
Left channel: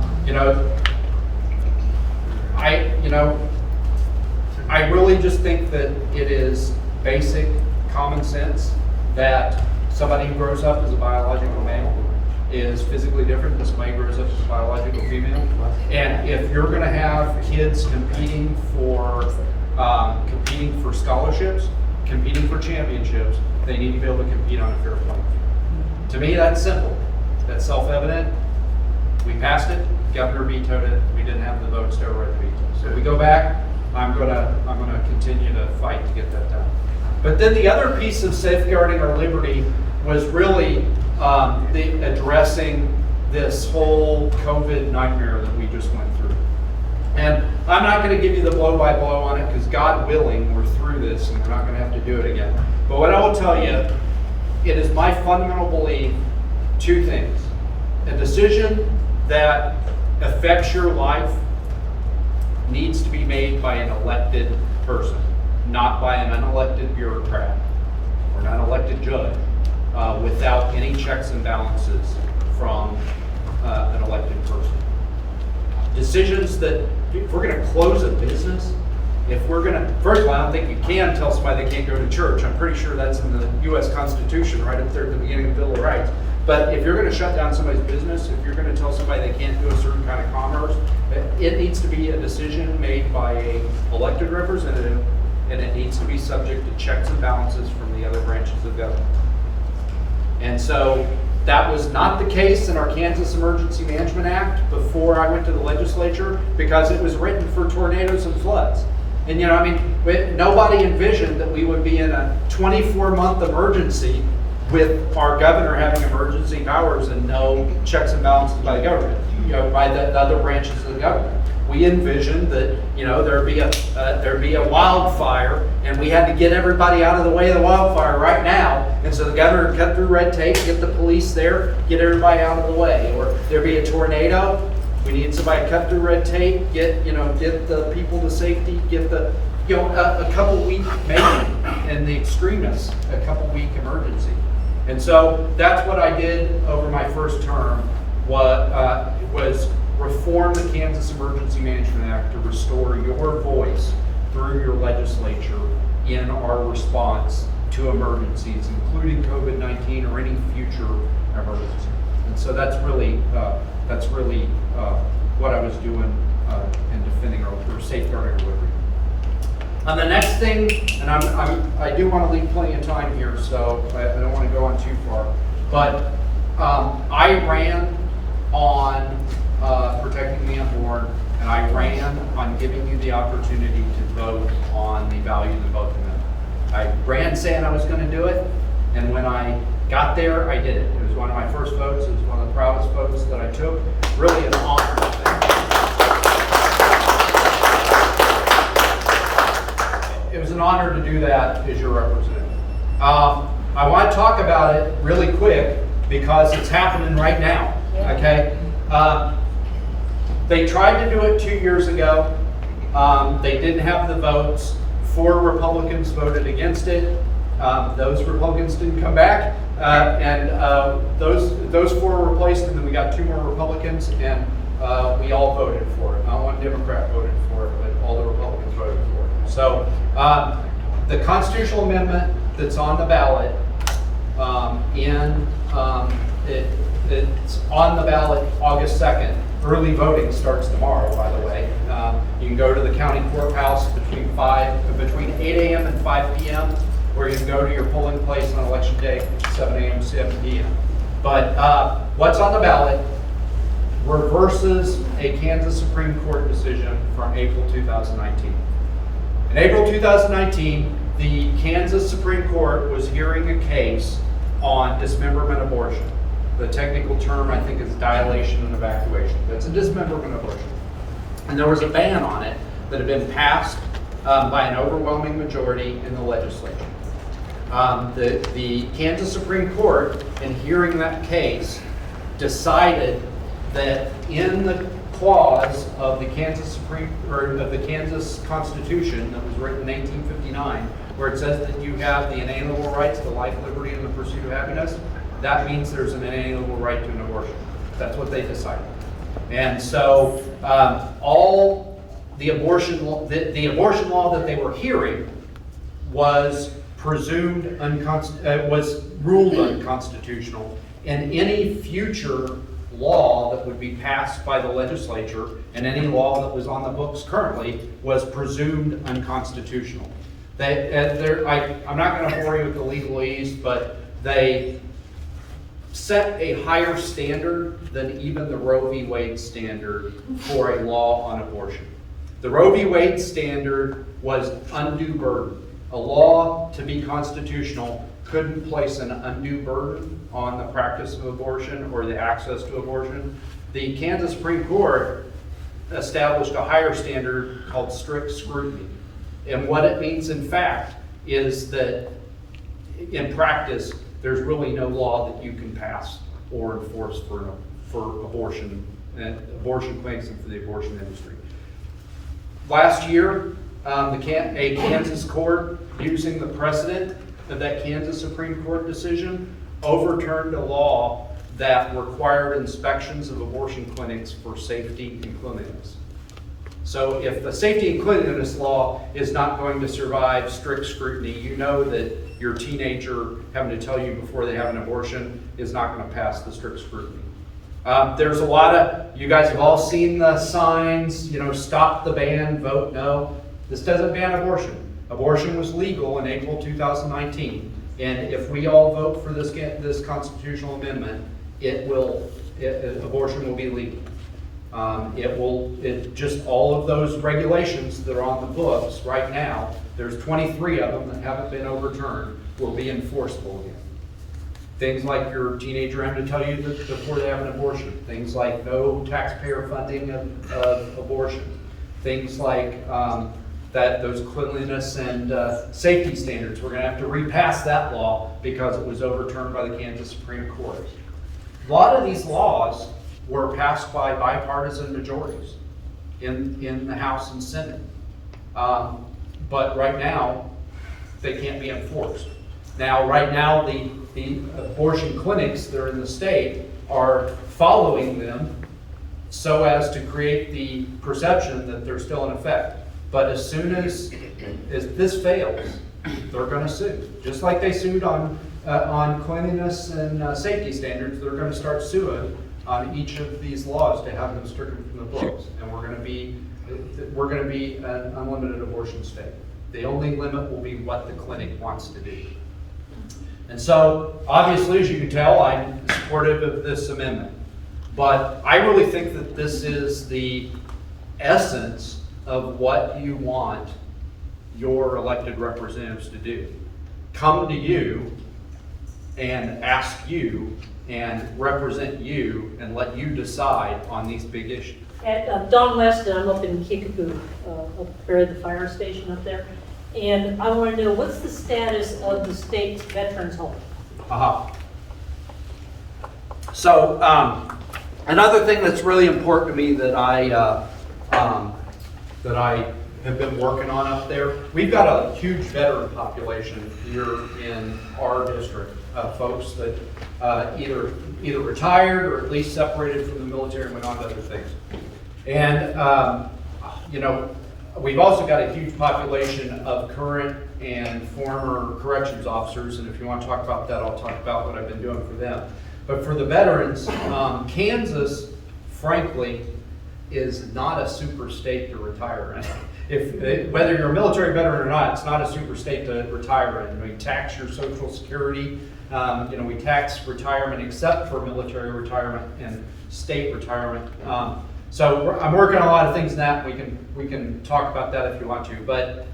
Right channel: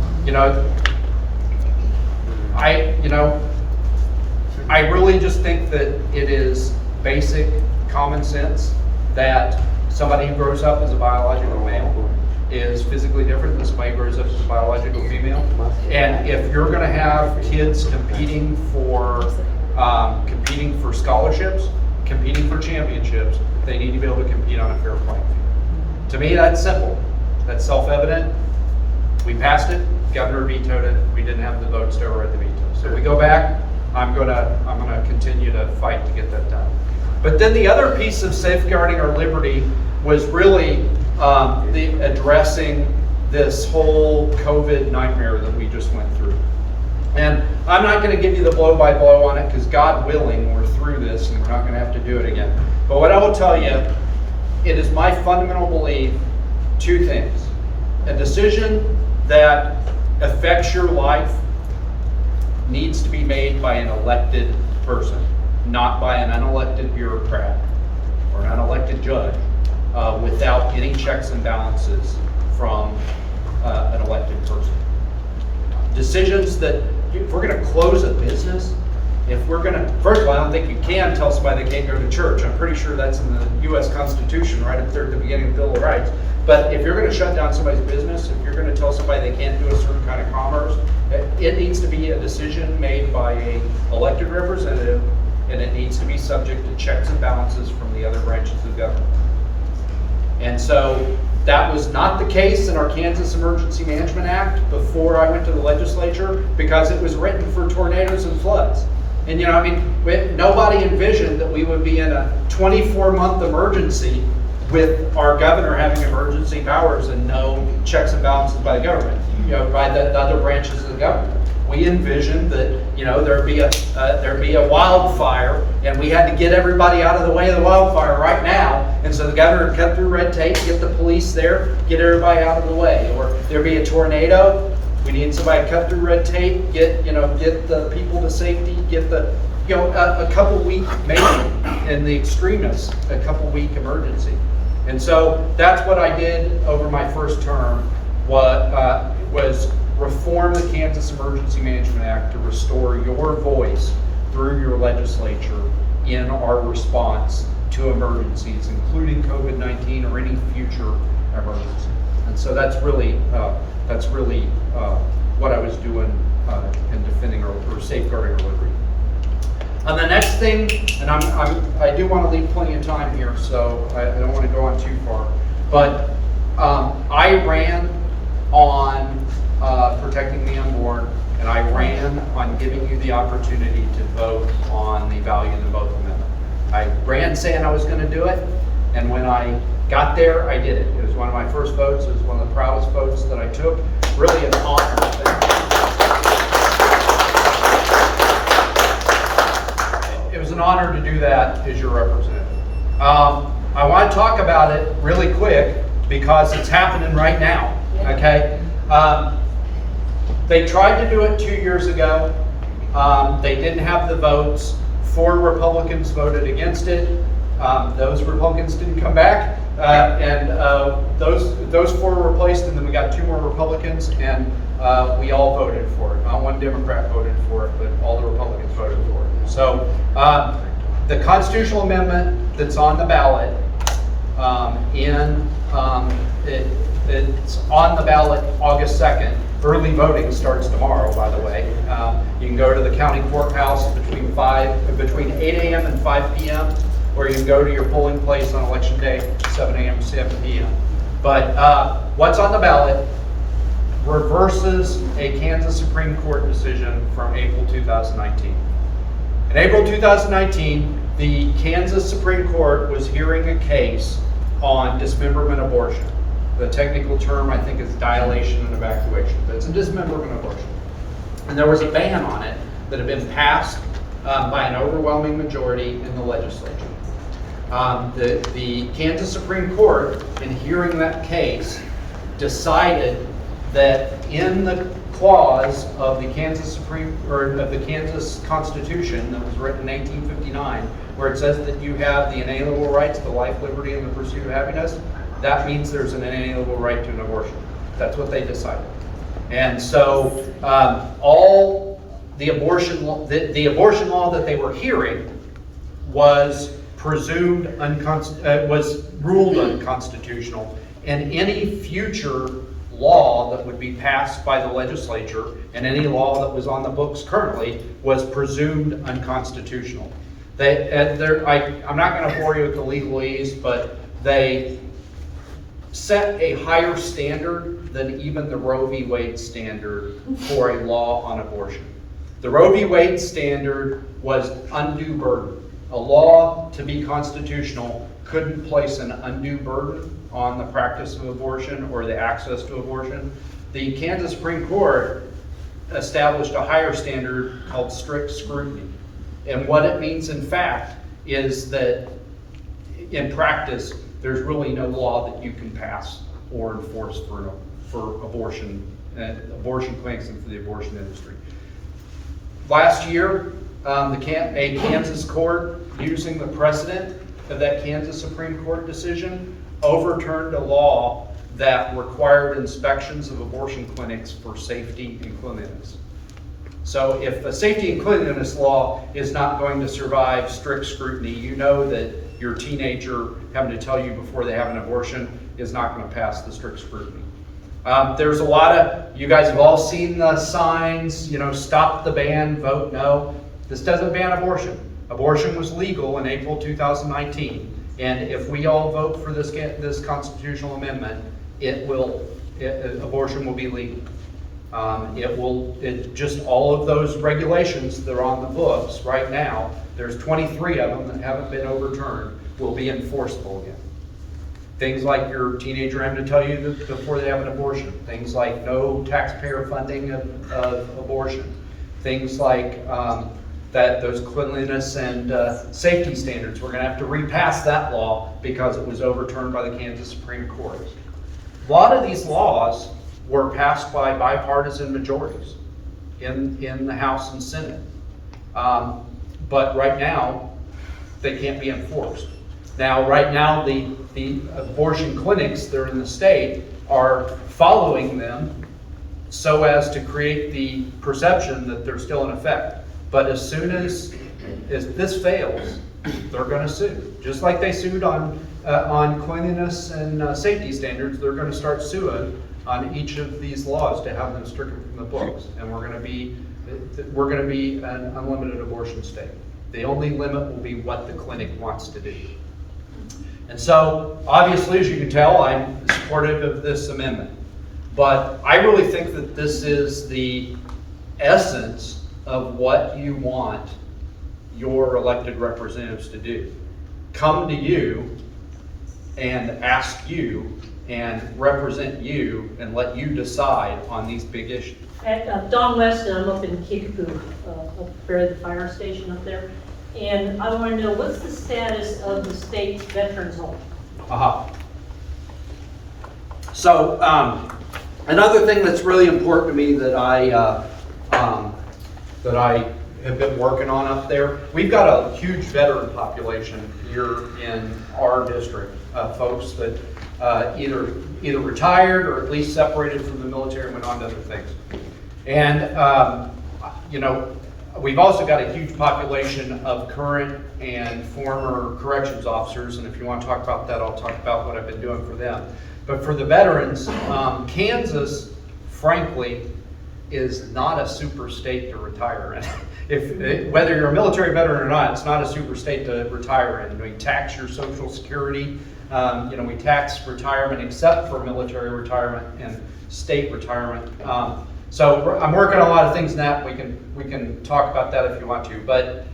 really just think that it is basic common sense that somebody who grows up as a biological male is physically different than somebody who grows up as a biological female. And if you're going to have kids competing for scholarships, competing for championships, they need to be able to compete on a fair playing field. To me, that's simple. That's self-evident. We passed it. Governor vetoed it. We didn't have the votes to override the veto. So we go back. I'm gonna continue to fight to get that done. But then the other piece of safeguarding our liberty was really addressing this whole COVID nightmare that we just went through. And I'm not going to give you the blow-by-blow on it because God willing, we're through this and we're not going to have to do it again. But what I will tell you, it is my fundamental belief, two things. A decision that affects your life needs to be made by an elected person, not by an unelected bureaucrat or an unelected judge, without any checks and balances from an elected person. Decisions that, if we're going to close a business, first of all, I don't think you can tell somebody they can't go to church. I'm pretty sure that's in the U.S. Constitution, right up there at the beginning of the Bill of Rights. But if you're going to shut down somebody's business, if you're going to tell somebody they can't do a certain kind of commerce, it needs to be a decision made by an elected representative, and it needs to be subject to checks and balances from the other branches of government. And so that was not the case in our Kansas Emergency Management Act before I went to the legislature, because it was written for tornadoes and floods. And nobody envisioned that we would be in a 24-month emergency with our governor having emergency powers and no checks and balances by the government, by the other branches of the government. We envisioned that there'd be a wildfire, and we had to get everybody out of the way of the wildfire right now. And so the governor would cut through red tape, get the police there, get everybody out of the way. Or there'd be a tornado, we need somebody to cut through red tape, get the people to safety, get a couple week, maybe in the extremis, a couple week emergency. And so that's what I did over my first term. Was reform the Kansas Emergency Management Act to restore your voice through your legislature in our response to emergencies, including COVID-19 or any future emergency. And so that's really what I was doing in defending or safeguarding our liberty. The next thing, and I do want to leave plenty of time here, so I don't want to go on too far, but I ran on protecting the unborn, and I ran on giving you the opportunity to vote on the value of the vote amendment. I ran saying I was going to do it, and when I got there, I did it. It was one of my first votes. It was one of the proudest votes that I took. Really an honor. Thank you. It was was an honor to do that as your representative. I want to talk about it really quick because it's happening right now, okay? They tried to do it 2 years ago. They didn't have the votes. 4 Republicans voted against it. Those Republicans didn't come back, and those 4 were replaced, and then we got 2 more Republicans, and we all voted for it. Not 1 Democrat voted for it, but all the Republicans voted for it. So the constitutional amendment that's on the ballot, it's on the ballot August 2nd. Early voting starts tomorrow, by the way. You can go to the county courthouse between 8 a.m. and 5 p.m., or you can go to your polling place on election day, 7 a.m. to 7 p.m. But what's on the ballot reverses a Kansas Supreme Court decision from April 2019. In April 2019, the Kansas Supreme Court was hearing a case on dismemberment abortion. The technical term, I think, is dilation and evacuation, but it's a dismemberment abortion. And there was a ban on it that had been passed by an overwhelming majority in the legislature. The Kansas Supreme Court, in hearing that case, decided that in the clause of the Kansas Constitution that was written in 1859, where it says that you have the inalienable rights to life, liberty, and the pursuit of happiness, that means there's an inalienable right to an abortion. That's what they decided. And so all the abortion law that they were hearing was was ruled unconstitutional, and any future law that would be passed by the legislature and any law that was on the books currently was presumed unconstitutional. I'm not going to bore you with the legalese, but they set a higher standard than even the Roe v. Wade standard for a law on abortion. The Roe v. Wade standard was undue burden. A law to be constitutional couldn't place an undue burden on the practice of abortion or the access to abortion. The Kansas Supreme Court established a higher standard called strict scrutiny. And what it means, in fact, is that in practice, there's really no law that you can pass or enforce for abortion clinics and for the abortion industry. Last year, a Kansas court, using the precedent of that Kansas Supreme Court decision, overturned a law that required inspections of abortion clinics for safety and cleanliness. So if the safety and cleanliness law is not going to survive strict scrutiny, you know that your teenager having to tell you before they have an abortion is not going to pass the strict scrutiny. There's a lot of, you guys have all seen the signs, stop the ban, vote no. This doesn't ban abortion. Abortion was legal in April 2019. And if we all vote for this constitutional amendment, abortion will be legal. Just all of those regulations that are on the books right now, there's 23 of them that haven't been overturned, will be enforceable again. Things like your teenager having to tell you that before they have an abortion. Things like no taxpayer funding of abortion. Things like those cleanliness and safety standards. We're going to have to repass that law because it was overturned by the Kansas Supreme Court. A lot of these laws were passed by bipartisan majorities in the House and Senate. But right now, they can't be enforced. Now, right now, the abortion clinics that are in the state are following them so as to create the perception that they're still in effect. But as soon as this fails, they're going to sue. Just like they sued on cleanliness and safety standards, they're going to start suing on each of these laws to have them stricken from the books. And we're going to be an unlimited abortion state. The only limit will be what the clinic wants to do. And so, obviously, as you can tell, I'm supportive of this amendment. But I really think that this is the essence of what you want your elected representatives to do. Come to you and ask you and represent you and let you decide on these big issues. Don Weston, I'm up in Kickapoo, up there at the fire station up there, And I want to know, what's the status of the state's veterans home? So, another thing that's really important to me that I have been working on up there, we've got a huge veteran population here in our district, folks that either retired or at least separated from the military and went on to other things. And, you know, we've also got a huge population of current and former corrections officers, and if you want to talk about that, I'll talk about what I've been doing for them. But for the veterans, Kansas, frankly, is not a super state to retire in. Whether you're a military veteran or not, it's not a super state to retire in. We tax your Social Security. You know, we tax retirement except for military retirement and state retirement. So I'm working on a lot of things in that. We can talk about that if you want to. But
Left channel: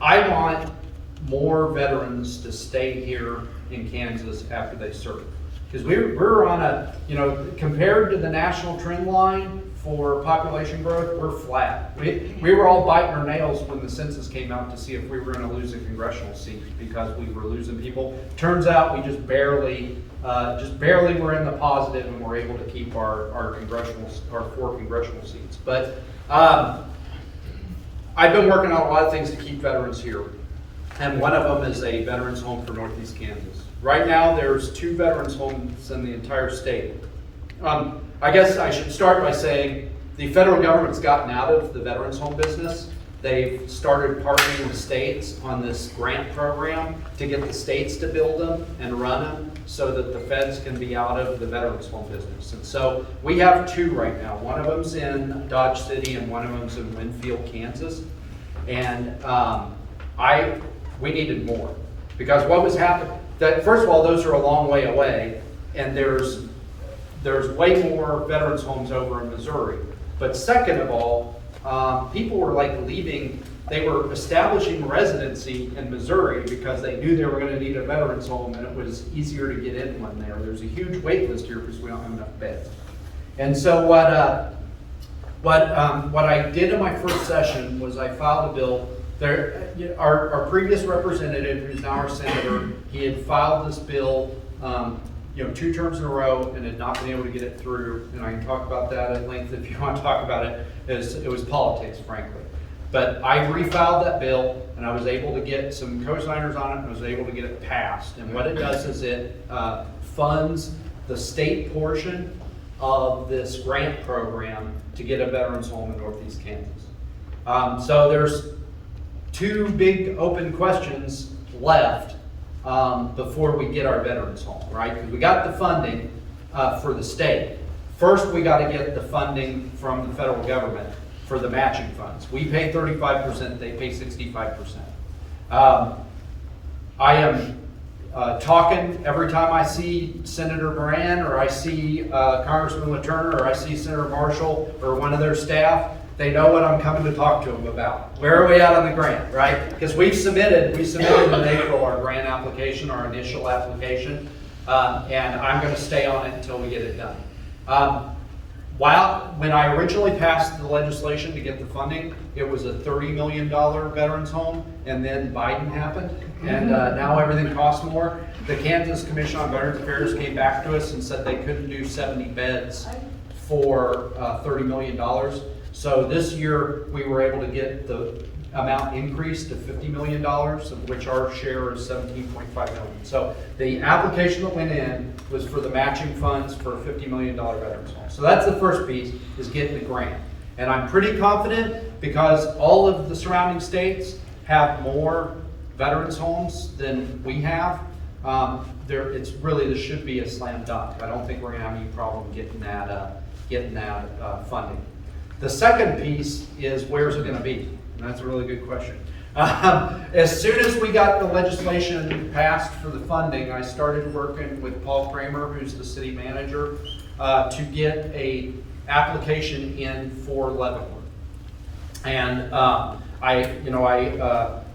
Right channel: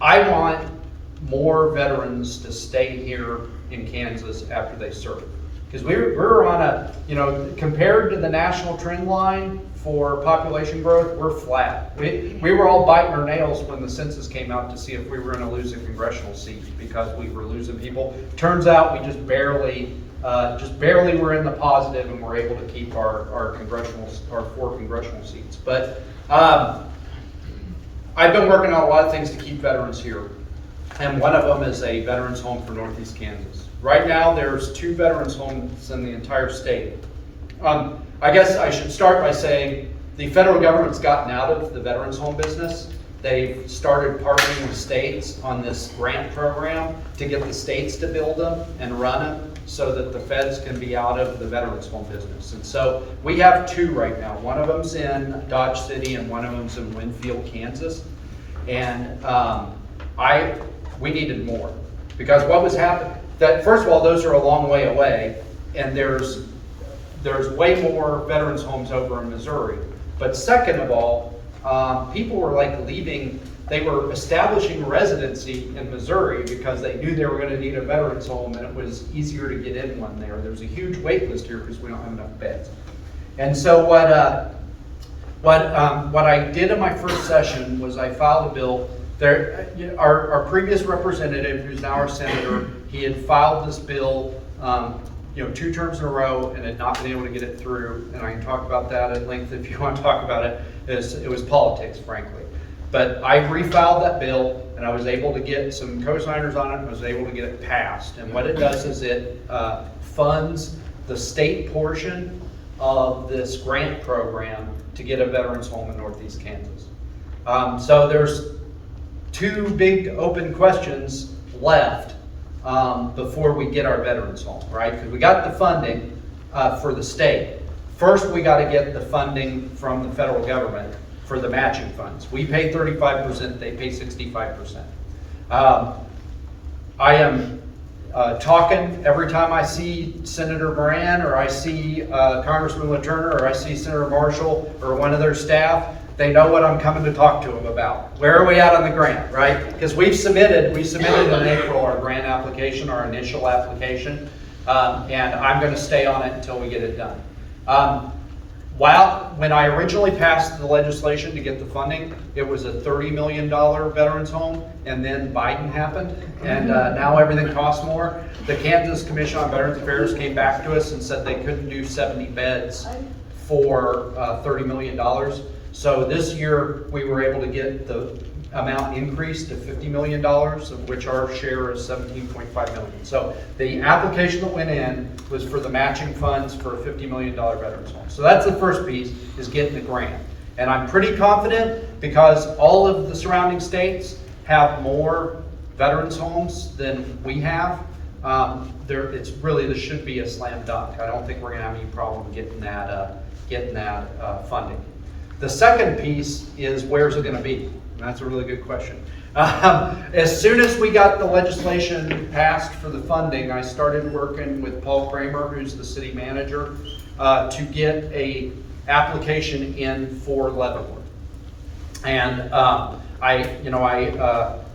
I want more veterans to stay here in Kansas after they serve. Because we're on a, you know, compared to the national trend line for population growth, we're flat. We were all biting our nails when the census came out to see if we were going to lose a congressional seat because we were losing people. Turns out we just barely were in the positive, and we're able to keep our 4 congressional seats. But I've been working on a lot of things to keep veterans here, and one of them is a veterans home for Northeast Kansas. Right now, there's 2 veterans homes in the entire state. I guess I should start by saying the federal government's gotten out of the veterans home business. They've started partnering with states on this grant program to get the states to build them and run them so that the feds can be out of the veterans home business. And so we have 2 right now. One of them's in Dodge City and one of them's in Winfield, Kansas. And we needed more because what was happening, that first of all, those are a long way away, and there's way more veterans homes over in Missouri. But second of all, people were like leaving, they were establishing residency in Missouri because they knew they were going to need a veterans home, and it was easier to get in one there. There's a huge wait list here because we don't have enough beds. And so what I did in my first session was I filed a bill. Our previous representative, who's now our senator, he had filed this bill 2 terms in a row and had not been able to get it through, and I can talk about that at length if you want to talk about it. It was politics, frankly. But I refiled that bill, and I was able to get some co-signers on it, and I was able to get it passed. And what it does is it funds the state portion of this grant program to get a veterans home in Northeast Kansas. So there's 2 big open questions left before we get our veterans home, right? Because we got the funding for the state. First, we got to get the funding from the federal government for the matching funds. We pay 35%, they pay 65%. I am talking every time I see Senator Moran, or I see Congressman LaTurner, or I see Senator Marshall, or one of their staff. They know what I'm coming to talk to them about. Where are we at on the grant, right? Because we submitted in April our grant application, our initial application, and I'm going to stay on it until we get it done. When I originally passed the legislation to get the funding, it was a $30 million veterans home, and then Biden happened, and now everything costs more. The Kansas Commission on Veterans Affairs came back to us and said they couldn't do 70 beds for $30 million. So this year, we were able to get the amount increased to $50 million, of which our share is $17.5 million. So the application that went in was for the matching funds for a $50 million veterans home. So that's the first piece, is getting the grant. And I'm pretty confident because all of the surrounding states have more veterans homes than we have. This should be a slam dunk. I don't think we're gonna have any problem getting that funding. The second piece is, where's it going to be? And that's a really good question. As soon as we got the legislation passed for the funding, I started working with Paul Kramer, who's the city manager, to get a application in for Leavenworth. And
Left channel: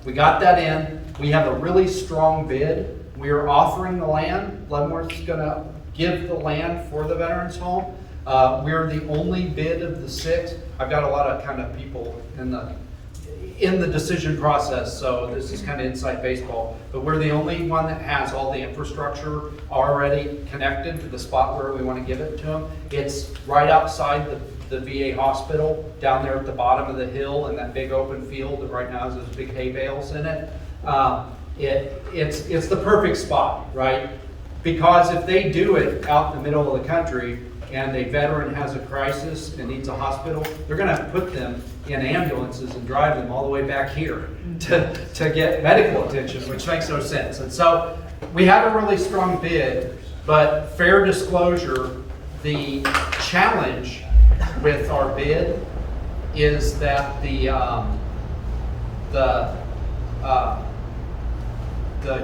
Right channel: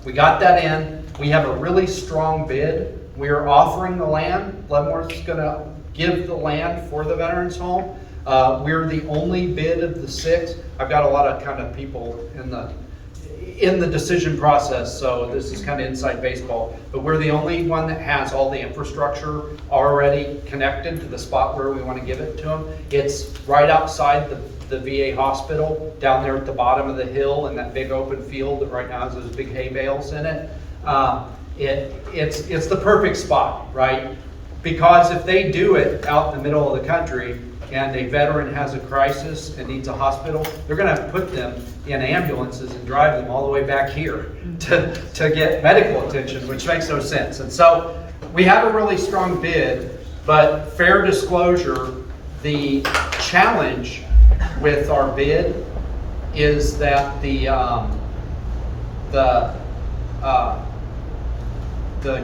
we got that in. We have a really strong bid. We are offering the land. Leavenworth's going to give the land for the veterans home. We're the only bid of the 6. I've got a lot of kind of people in the decision process, so this is kind of inside baseball, but we're the only one that has all the infrastructure already connected to the spot where we want to give it to them. It's right outside the VA hospital, down there at the bottom of the hill in that big open field that right now has those big hay bales in it. It's the perfect spot, right? Because if they do it out in the middle of the country and a veteran has a crisis and needs a hospital, they're gonna have to put them in ambulances and drive them all the way back here to get medical attention, which makes no sense. And so we have a really strong bid, but fair disclosure, the challenge with our bid is that the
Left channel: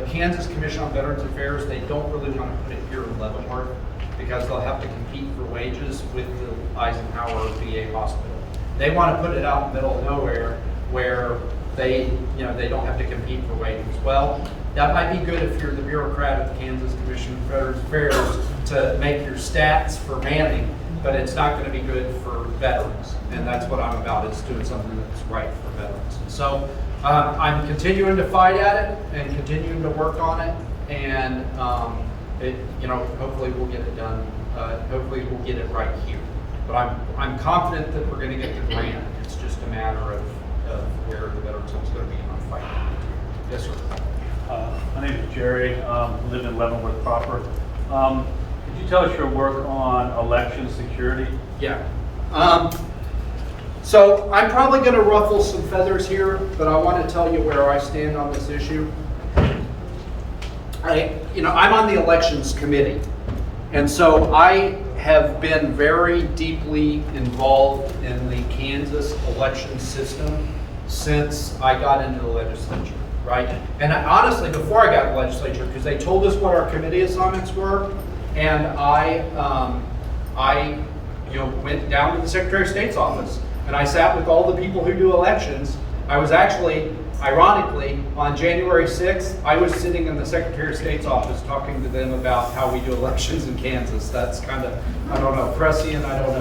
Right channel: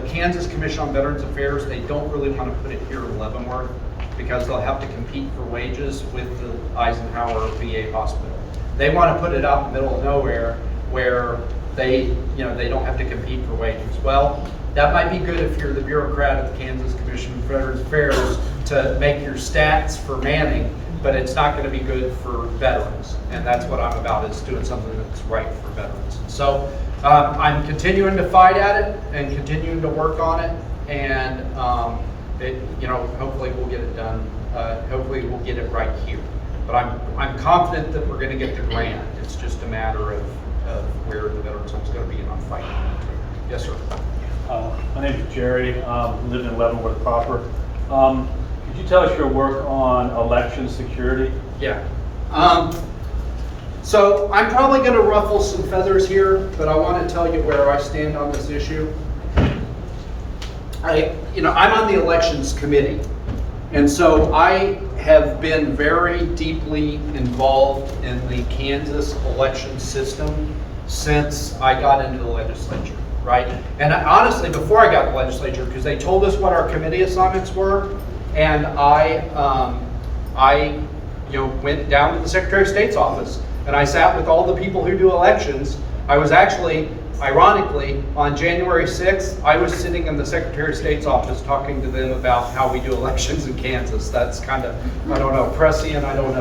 Kansas Commission on Veterans Affairs, they don't really want to put it here in Leavenworth because they'll have to compete for wages with the Eisenhower VA hospital. They want to put it out in the middle of nowhere where they don't have to compete for wages. Well, that might be good if you're the bureaucrat of the Kansas Commission on Veterans Affairs to make your stats for manning, but it's not going to be good for veterans. And that's what I'm about, is doing something that's right for veterans. So I'm continuing to fight at it and continuing to work on it, and hopefully we'll get it done. Hopefully we'll get it right here. But I'm confident that we're going to get the grant. It's just a matter of where the Veterans Home's going to be, and I'm fighting on it. Yes, sir. My name is Jerry. Live in Leavenworth proper. Could you tell us your work on election security? Yeah. So I'm probably going to ruffle some feathers here, but I want to tell you where I stand on this issue. I'm on the elections committee, and so I have been very deeply involved in the Kansas election system since I got into the legislature, right? And honestly, before I got in the legislature, because they told us what our committee assignments were, and I went down to the Secretary of State's office, and I sat with all the people who do elections. I was actually, ironically, on January 6th, I was sitting in the Secretary of State's office talking to them about how we do elections in Kansas. That's kind of, I don't know, prescient, I don't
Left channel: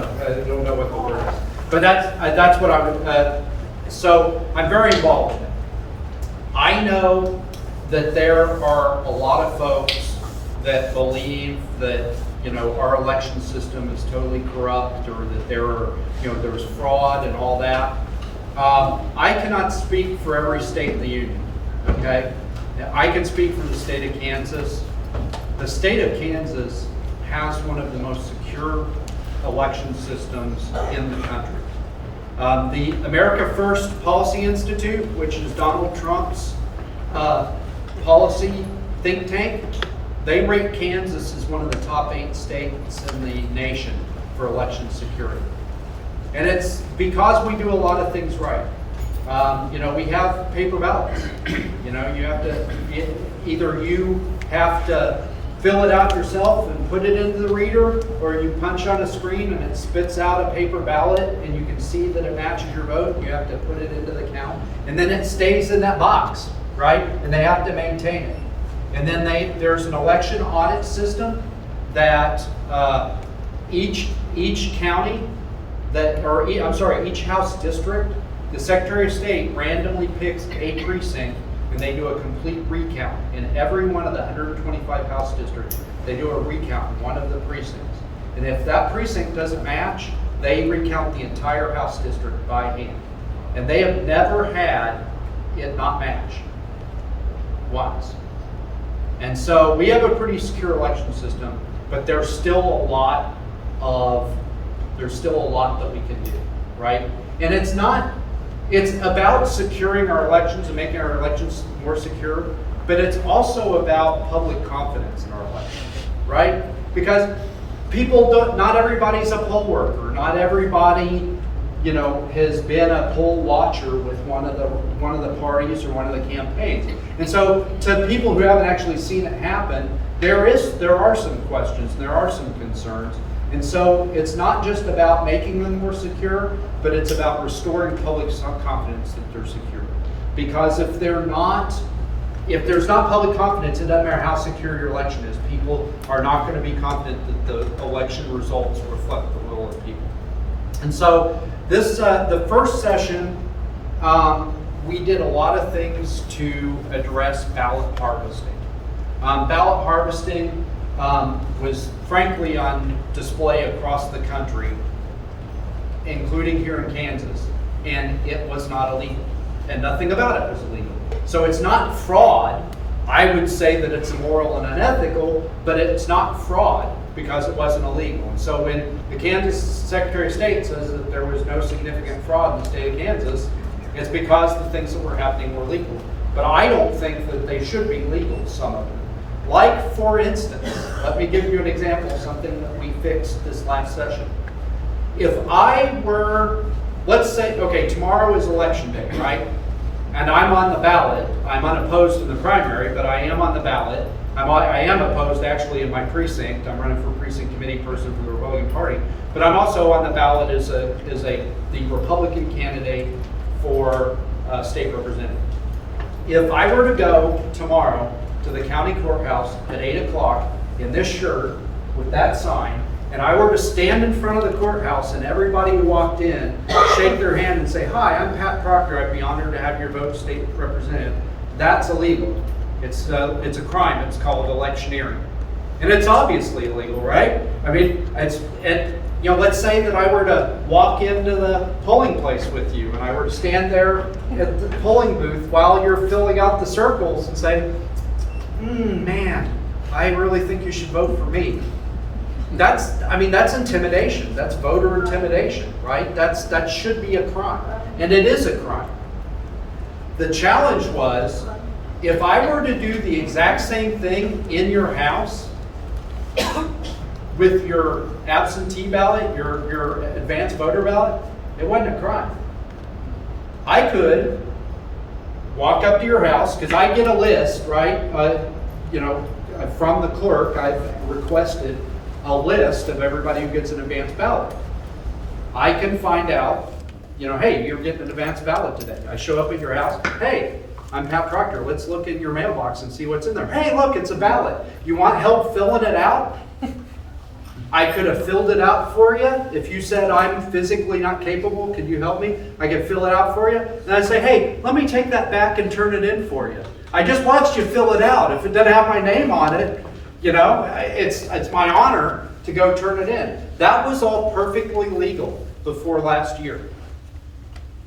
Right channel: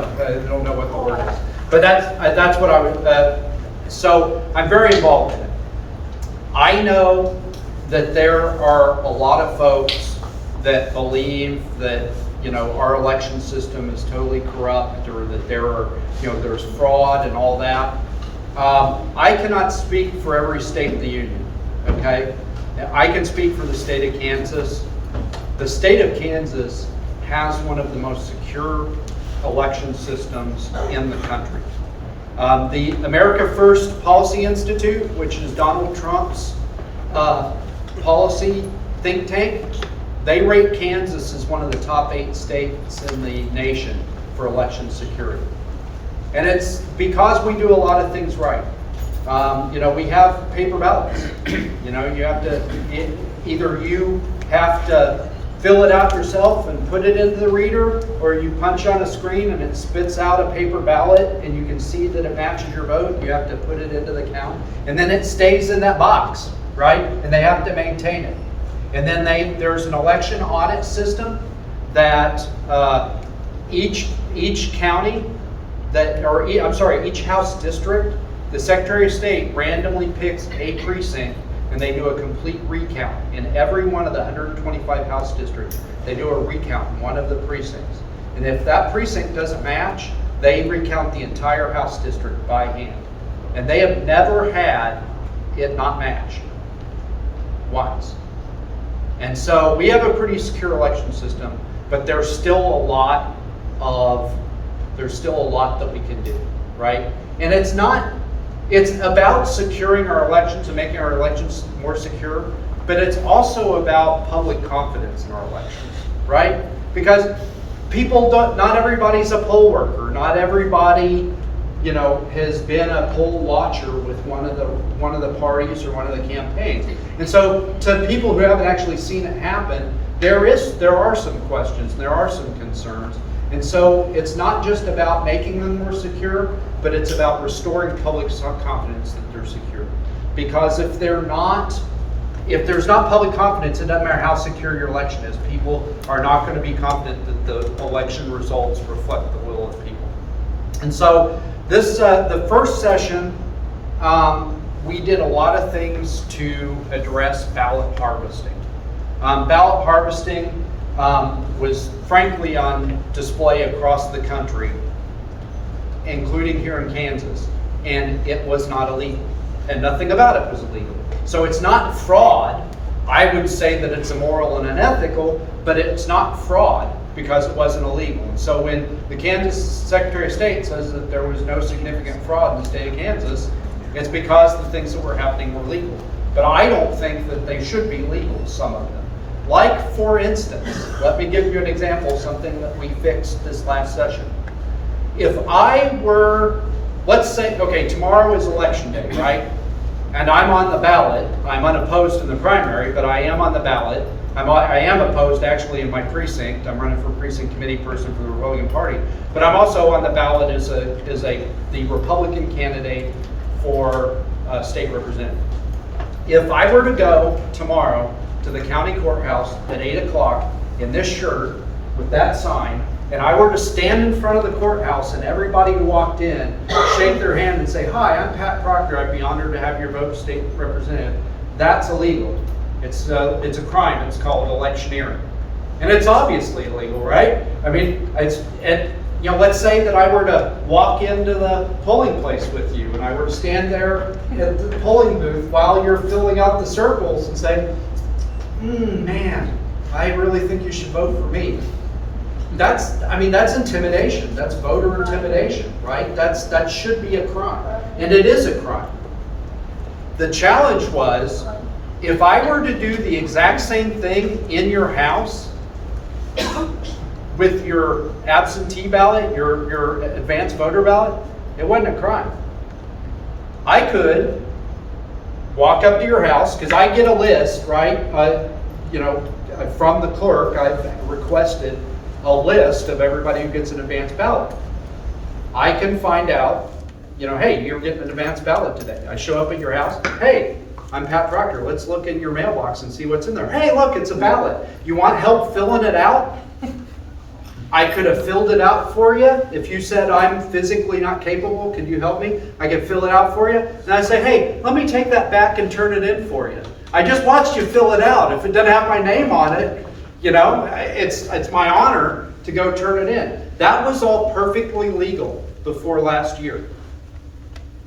know what the word is. But that's what I would, so I'm very involved in it. I know that there are a lot of folks that believe that our election system is totally corrupt, or that there's fraud and all that. I cannot speak for every state in the union, okay? I can speak for the state of Kansas. The state of Kansas has one of the most secure election systems in the country. The America First Policy Institute, which is Donald Trump's policy think tank, they rate Kansas as one of the top 8 states in the nation for election security. And it's because we do a lot of things right. We have paper ballots. You have to, either you have to fill it out yourself and put it into the reader, or you punch on a screen and it spits out a paper ballot and you can see that it matches your vote. You have to put it into the count. And then it stays in that box, right? And they have to maintain it. And then there's an election audit system that each county, each House district, the Secretary of State randomly picks a precinct and they do a complete recount. In every one of the 125 House districts, they do a recount in one of the precincts. And if that precinct doesn't match, they recount the entire House district by hand. And they have never had it not match once. And so we have a pretty secure election system, but there's still a lot that we can do, right? And it's about securing our elections and making our elections more secure, but it's also about public confidence in our elections, right? Because not everybody's a poll worker, not everybody, has been a poll watcher with one of the parties or one of the campaigns. And so to people who haven't actually seen it happen, there are some questions, there are some concerns. And so it's not just about making them more secure, but it's about restoring public confidence that they're secure. Because if there's not public confidence, it doesn't matter how secure your election is. People are not going to be confident that the election results reflect the will of people. And so the first session we did a lot of things to address ballot harvesting. Ballot harvesting was frankly on display across the country, including here in Kansas, and it was not illegal, and nothing about it was illegal. So it's not fraud. I would say that it's immoral and unethical, but it's not fraud because it wasn't illegal. And so when the Kansas Secretary of State says that there was no significant fraud in the state of Kansas, it's because the things that were happening were legal. But I don't think that they should be legal, some of them. Like, for instance, let me give you an example of something that we fixed this last session. If I were, let's say, okay, tomorrow is election day, right? And I'm on the ballot. I'm unopposed in the primary, but I am on the ballot. I am opposed actually in my precinct. I'm running for precinct committee person for the Republican Party. But I'm also on the ballot as the Republican candidate for state representative. If I were to go tomorrow to the county courthouse at 8 o'clock in this shirt with that sign, and I were to stand in front of the courthouse and everybody who walked in shake their hand and say, "Hi, I'm Pat Proctor. I'd be honored to have your vote, state representative," that's illegal. It's a crime. It's called electioneering. And it's obviously illegal, right? I mean, let's say that I were to walk into the polling place with you and I were to stand there at the polling booth while you're filling out the circles and say, man, I really think you should vote for me. That's intimidation. That's voter intimidation, right? That should be a crime. And it is a crime. The challenge was, if I were to do the exact same thing in your house with your absentee ballot, your advanced voter ballot, it wasn't a crime. I could walk up to your house, because I get a list, right? From the clerk, I've requested a list of everybody who gets an advanced ballot. I can find out, hey, you're getting an advanced ballot today. I show up at your house, hey, I'm Pat Proctor. Let's look in your mailbox and see what's in there. Hey, look, it's a ballot. You want help filling it out? I could have filled it out for you. If you said, I'm physically not capable, could you help me? I could fill it out for you. And I'd say, hey, let me take that back and turn it in for you. I just watched you fill it out. If it doesn't have my name on it, it's my honor to go turn it in. That was all perfectly legal before last year.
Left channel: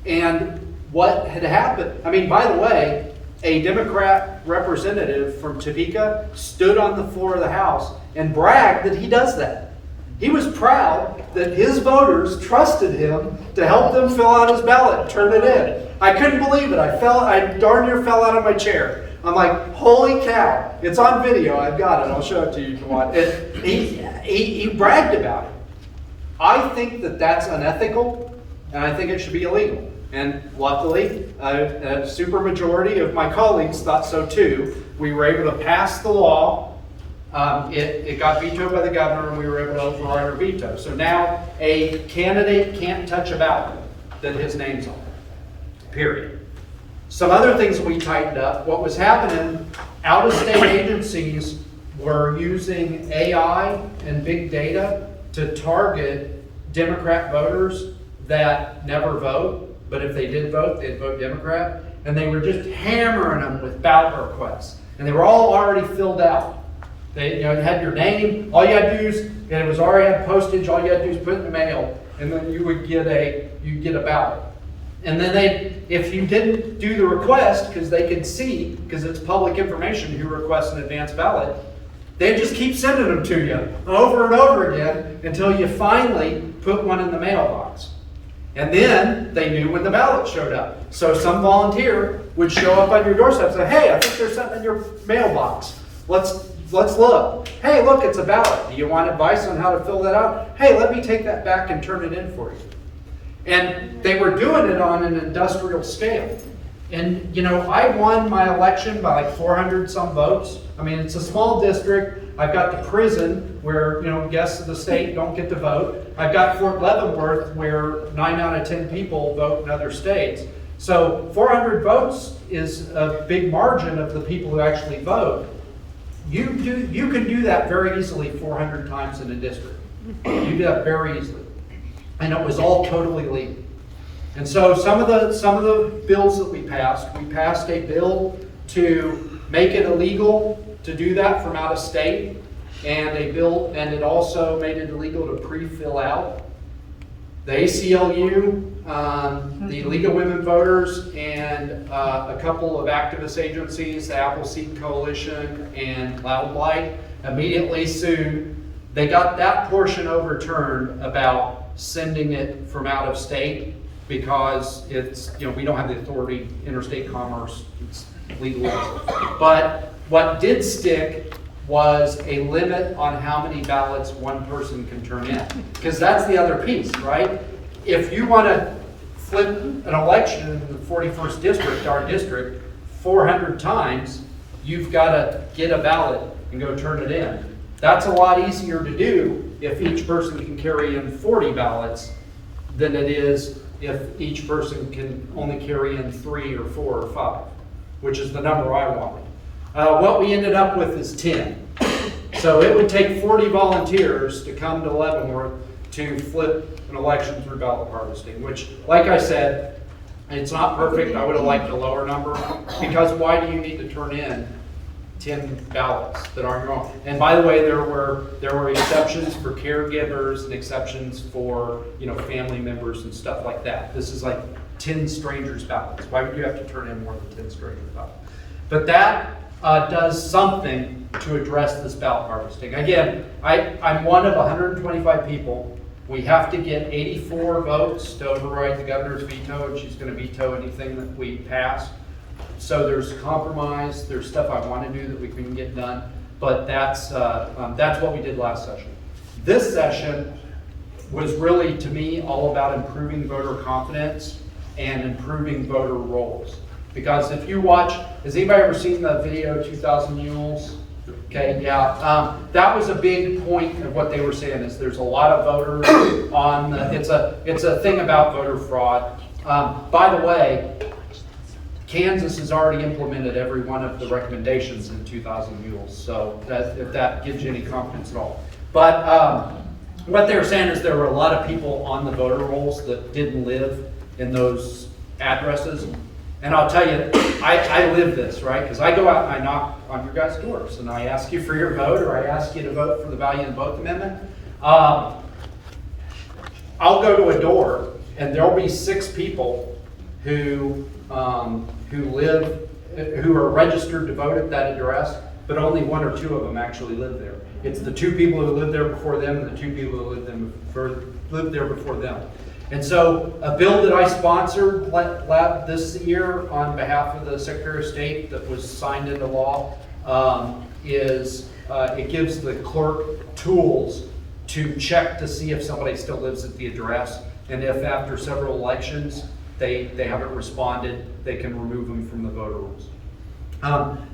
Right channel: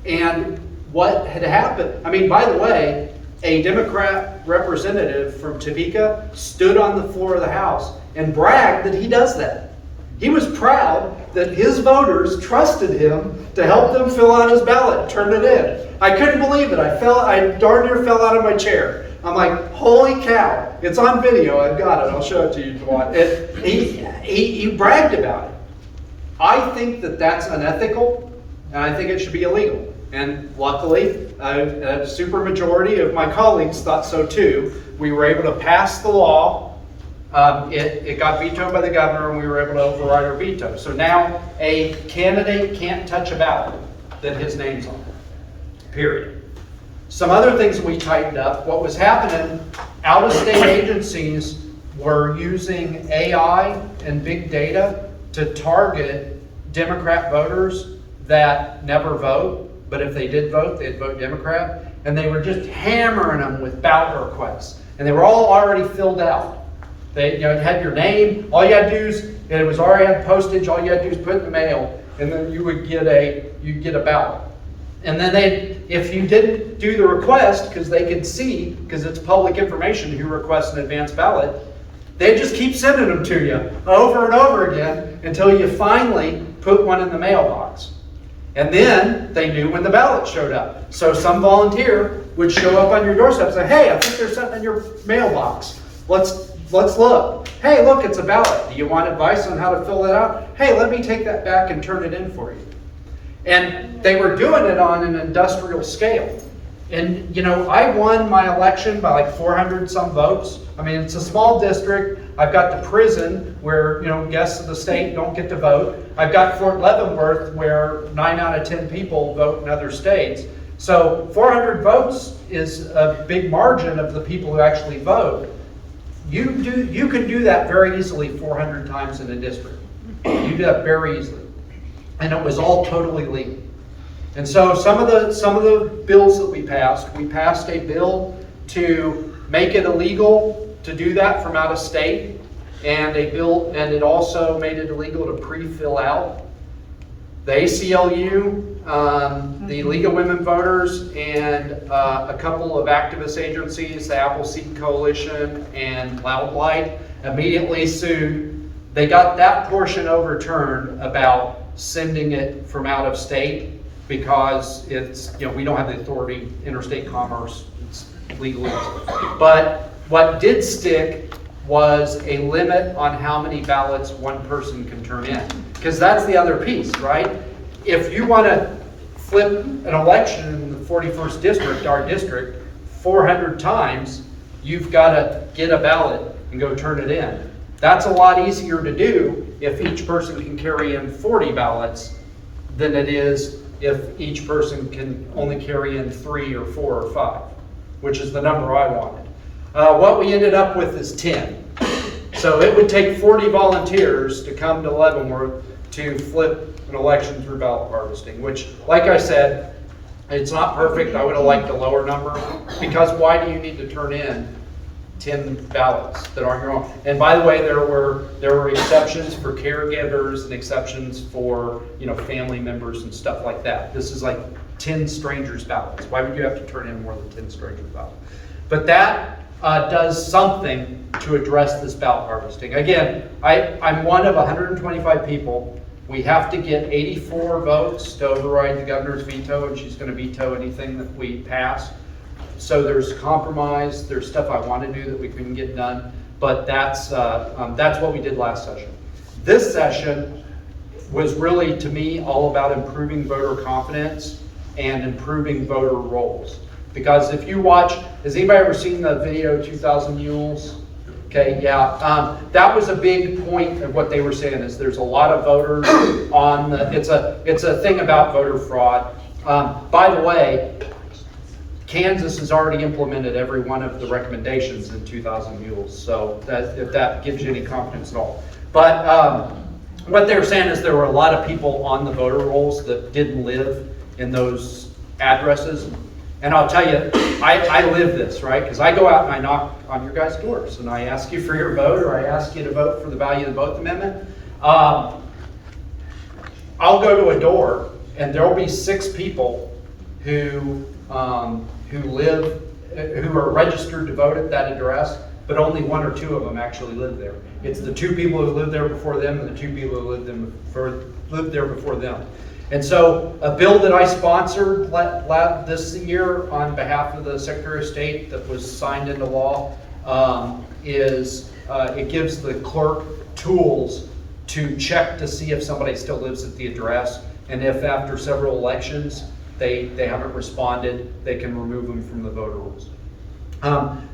And what had happened, by the way, a Democrat representative from Topeka stood on the floor of the House and bragged that he does that. He was proud that his voters trusted him to help them fill out his ballot and turn it in. I couldn't believe it. I darn near fell out of my chair. I'm like, holy cow. It's on video. I've got it. I'll show it to you if you want. He bragged about it. I think that that's unethical, and I think it should be illegal. And luckily, a supermajority of my colleagues thought so too. We were able to pass the law. It got vetoed by the governor, and we were able to override our veto. So now a candidate can't touch a ballot that his name's on it, period. Some other things we tightened up. What was happening, out-of-state agencies were using AI and big data to target Democrat voters that never vote. But if they did vote, they'd vote Democrat. And they were just hammering them with ballot requests. And they were all already filled out. They had your name. All you had to do is, and it was already on postage, all you had to do is put it in the mail. And then you'd get a ballot. And then if you didn't do the request, because they could see, because it's public information who requests an advance ballot, they'd just keep sending them to you over and over again until you finally put one in the mailbox. And then they knew when the ballot showed up. So some volunteer would show up on your doorstep and say, hey, I think there's something in your mailbox. Let's look. Hey, look, it's a ballot. Do you want advice on how to fill that out? Hey, let me take that back and turn it in for you. And they were doing it on an industrial scale. And, I won my election by like 400 some votes. It's a small district. I've got the prison where, guests of the state don't get to vote. I've got Fort Leavenworth where 9 out of 10 people vote in other states. So 400 votes is a big margin of the people who actually vote. You can do that very easily 400 times in a district. You do that very easily. And it was all totally legal. And so some of the bills that we passed a bill to make it illegal to do that from out of state, and it also made it illegal to pre-fill out. The ACLU, the League of Women Voters, and a couple of activist agencies, the Appleseed Coalition and Loud Light, immediately sued. They got that portion overturned about sending it from out of state because it's, we don't have the authority, interstate commerce, it's legally. But what did stick was a limit on how many ballots one person can turn in. Because that's the other piece, right? If you want to flip an election in the 41st district, our district, 400 times, you've got to get a ballot and go turn it in. That's a lot easier to do if each person can carry in 40 ballots than it is if each person can only carry in 3 or 4 or 5, which is the number I wanted. What we ended up with is 10. So it would take 40 volunteers to come to Leavenworth to flip an election through ballot harvesting, which, like I said, it's not perfect. I would have liked a lower number, because why do you need to turn in 10 ballots that aren't your own? And by the way, there were exceptions for caregivers and exceptions for, family members and stuff like that. This is like 10 strangers' ballots. Why would you have to turn in more than 10 strangers' ballots? But that does something to address this ballot harvesting. Again, I'm one of 125 people. We have to get 84 votes to override the governor's veto, and she's going to veto anything that we pass. So there's compromise, there's stuff I want to do that we couldn't get done, but that's what we did last session. This session was really, to me, all about improving voter confidence and improving voter rolls. Because if you watch, has anybody ever seen the video 2,000 Mules? Okay, yeah, that was a big point of what they were saying, is there's a lot of voters on the, it's a thing about voter fraud. By the way, Kansas has already implemented every one of the recommendations in 2,000 Mules, so if that gives you any confidence at all. But what they were saying is there were a lot of people on the voter rolls that didn't live in those addresses. And I'll tell you, I live this, right? Because I go out and I knock on your guys' doors and I ask you for your vote, or I ask you to vote for the value of the vote amendment. I'll go to a door and there'll be 6 people who are registered to vote at that address, but only 1 or 2 of them actually live there. It's the 2 people who lived there before them and the 2 people who lived there before them. And so a bill that I sponsored this year on behalf of the Secretary of State that was signed into law it gives the clerk tools to check to see if somebody still lives at the address, and if after several elections they haven't responded, they can remove them from the voter rolls.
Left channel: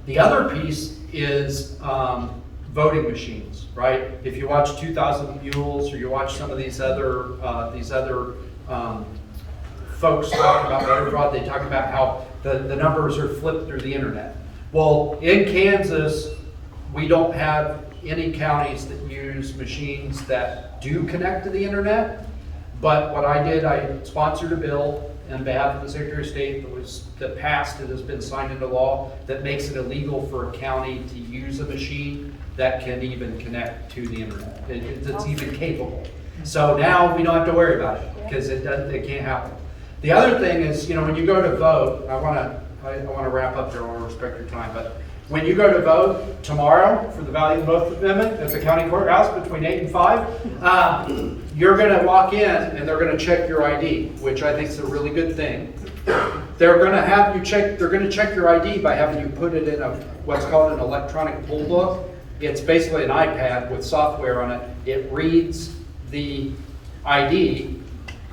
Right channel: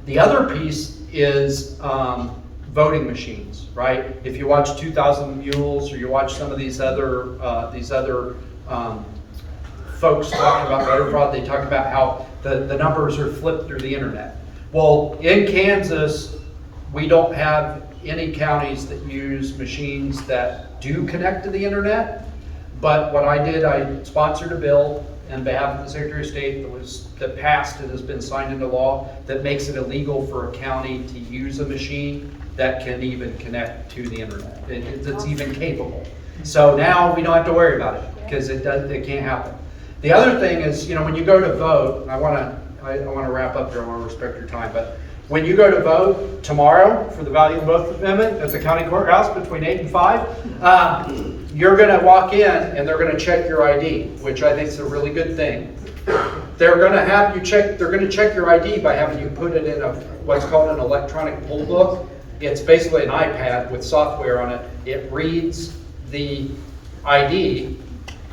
The other piece is voting machines, right? If you watch 2,000 Mules, or you watch some of these other folks talk about voter fraud, they talk about how the numbers are flipped through the internet. Well, in Kansas, we don't have any counties that use machines that do connect to the internet. But what I did, I sponsored a bill on behalf of the Secretary of State that passed, it has been signed into law, that makes it illegal for a county to use a machine that can even connect to the internet. It's even capable. So now we don't have to worry about it, because it can't happen. The other thing is, when you go to vote, I want to wrap up here, I want to respect your time, but when you go to vote tomorrow for the value of both amendment at the county courthouse between 8 and 5, you're going to walk in and they're going to check your ID, which I think is a really good thing. They're going to have you check. They're going to check your ID by having you put it in what's called an electronic poll book. It's basically an iPad with software on it. It reads the ID.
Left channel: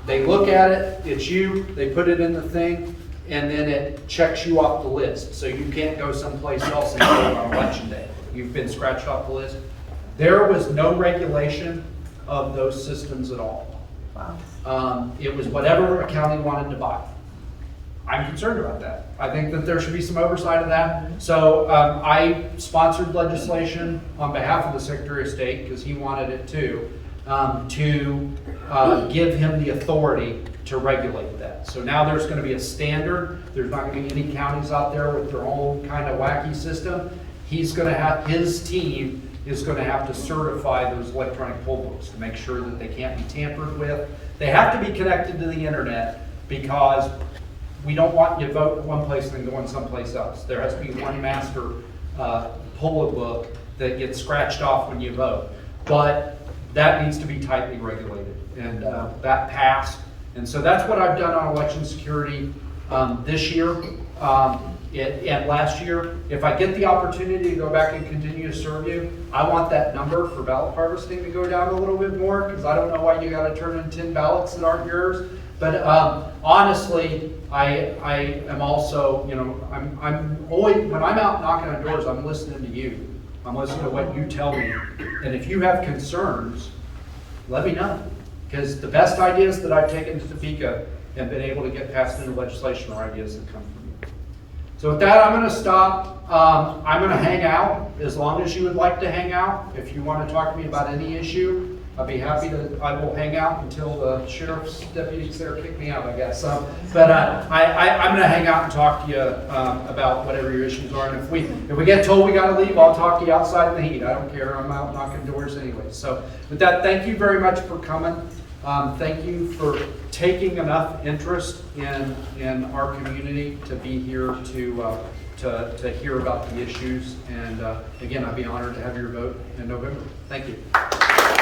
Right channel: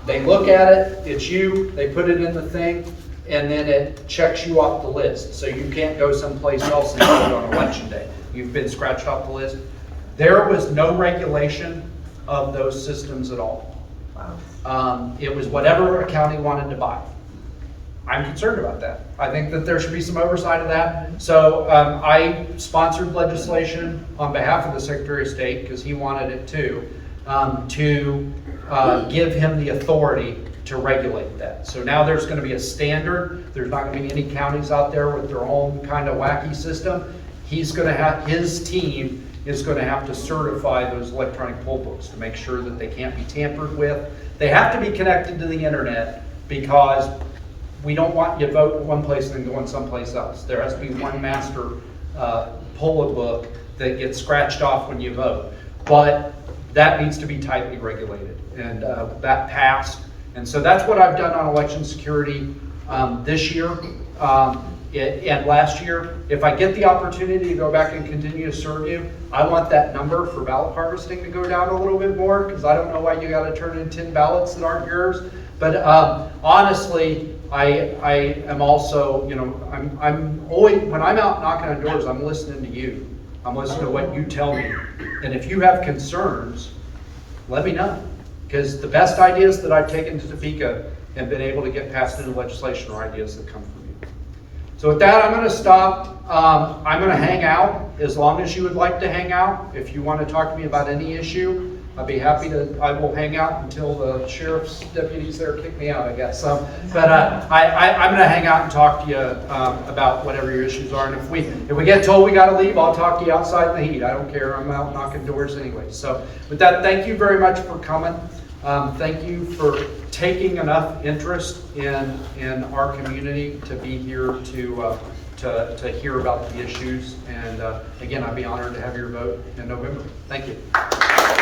They look at it. It's you. They put it in the thing, and then it checks you off the list. So you can't go someplace else and vote on election day. You've been scratched off the list. There was no regulation of those systems at all. It was whatever a county wanted to buy. I'm concerned about that. I think that there should be some oversight of that. So I sponsored legislation on behalf of the Secretary of State, because he wanted it too, to give him the authority to regulate that. So now there's going to be a standard. There's not going to be any counties out there with their own kind of wacky system. He's going to have, his team is going to have to certify those electronic poll books to make sure that they can't be tampered with. They have to be connected to the internet because we don't want you to vote in one place and then going someplace else. There has to be one master poll book that gets scratched off when you vote. But that needs to be tightly regulated, and that passed. And so that's what I've done on election security this year and last year. If I get the opportunity to go back and continue to serve you, I want that number for ballot harvesting to go down a little bit more, because I don't know why you got to turn in 10 ballots that aren't yours. But honestly, I am also, you know, I'm always, when I'm out knocking on doors, I'm listening to you. I'm listening to what you tell me. And if you have concerns, let me know. Because the best ideas that I've taken to Topeka and been able to get passed into legislation are ideas that come from you. So with that, I'm going to stop. I'm going to hang out as long as you would like to hang out. If you want to talk to me about any issue, I'd be happy to. I will hang out until the sheriff's deputies there kick me out, I guess. I'm going to hang out and talk to you about whatever your issues are. And if we get told we got to leave, I'll talk to you outside in the heat. I don't care. I'm out knocking doors anyway. So with that, thank you very much for coming. Thank you for taking enough interest in our community to be here to hear about the issues. And again, I'd be honored to have your vote in November. Thank you.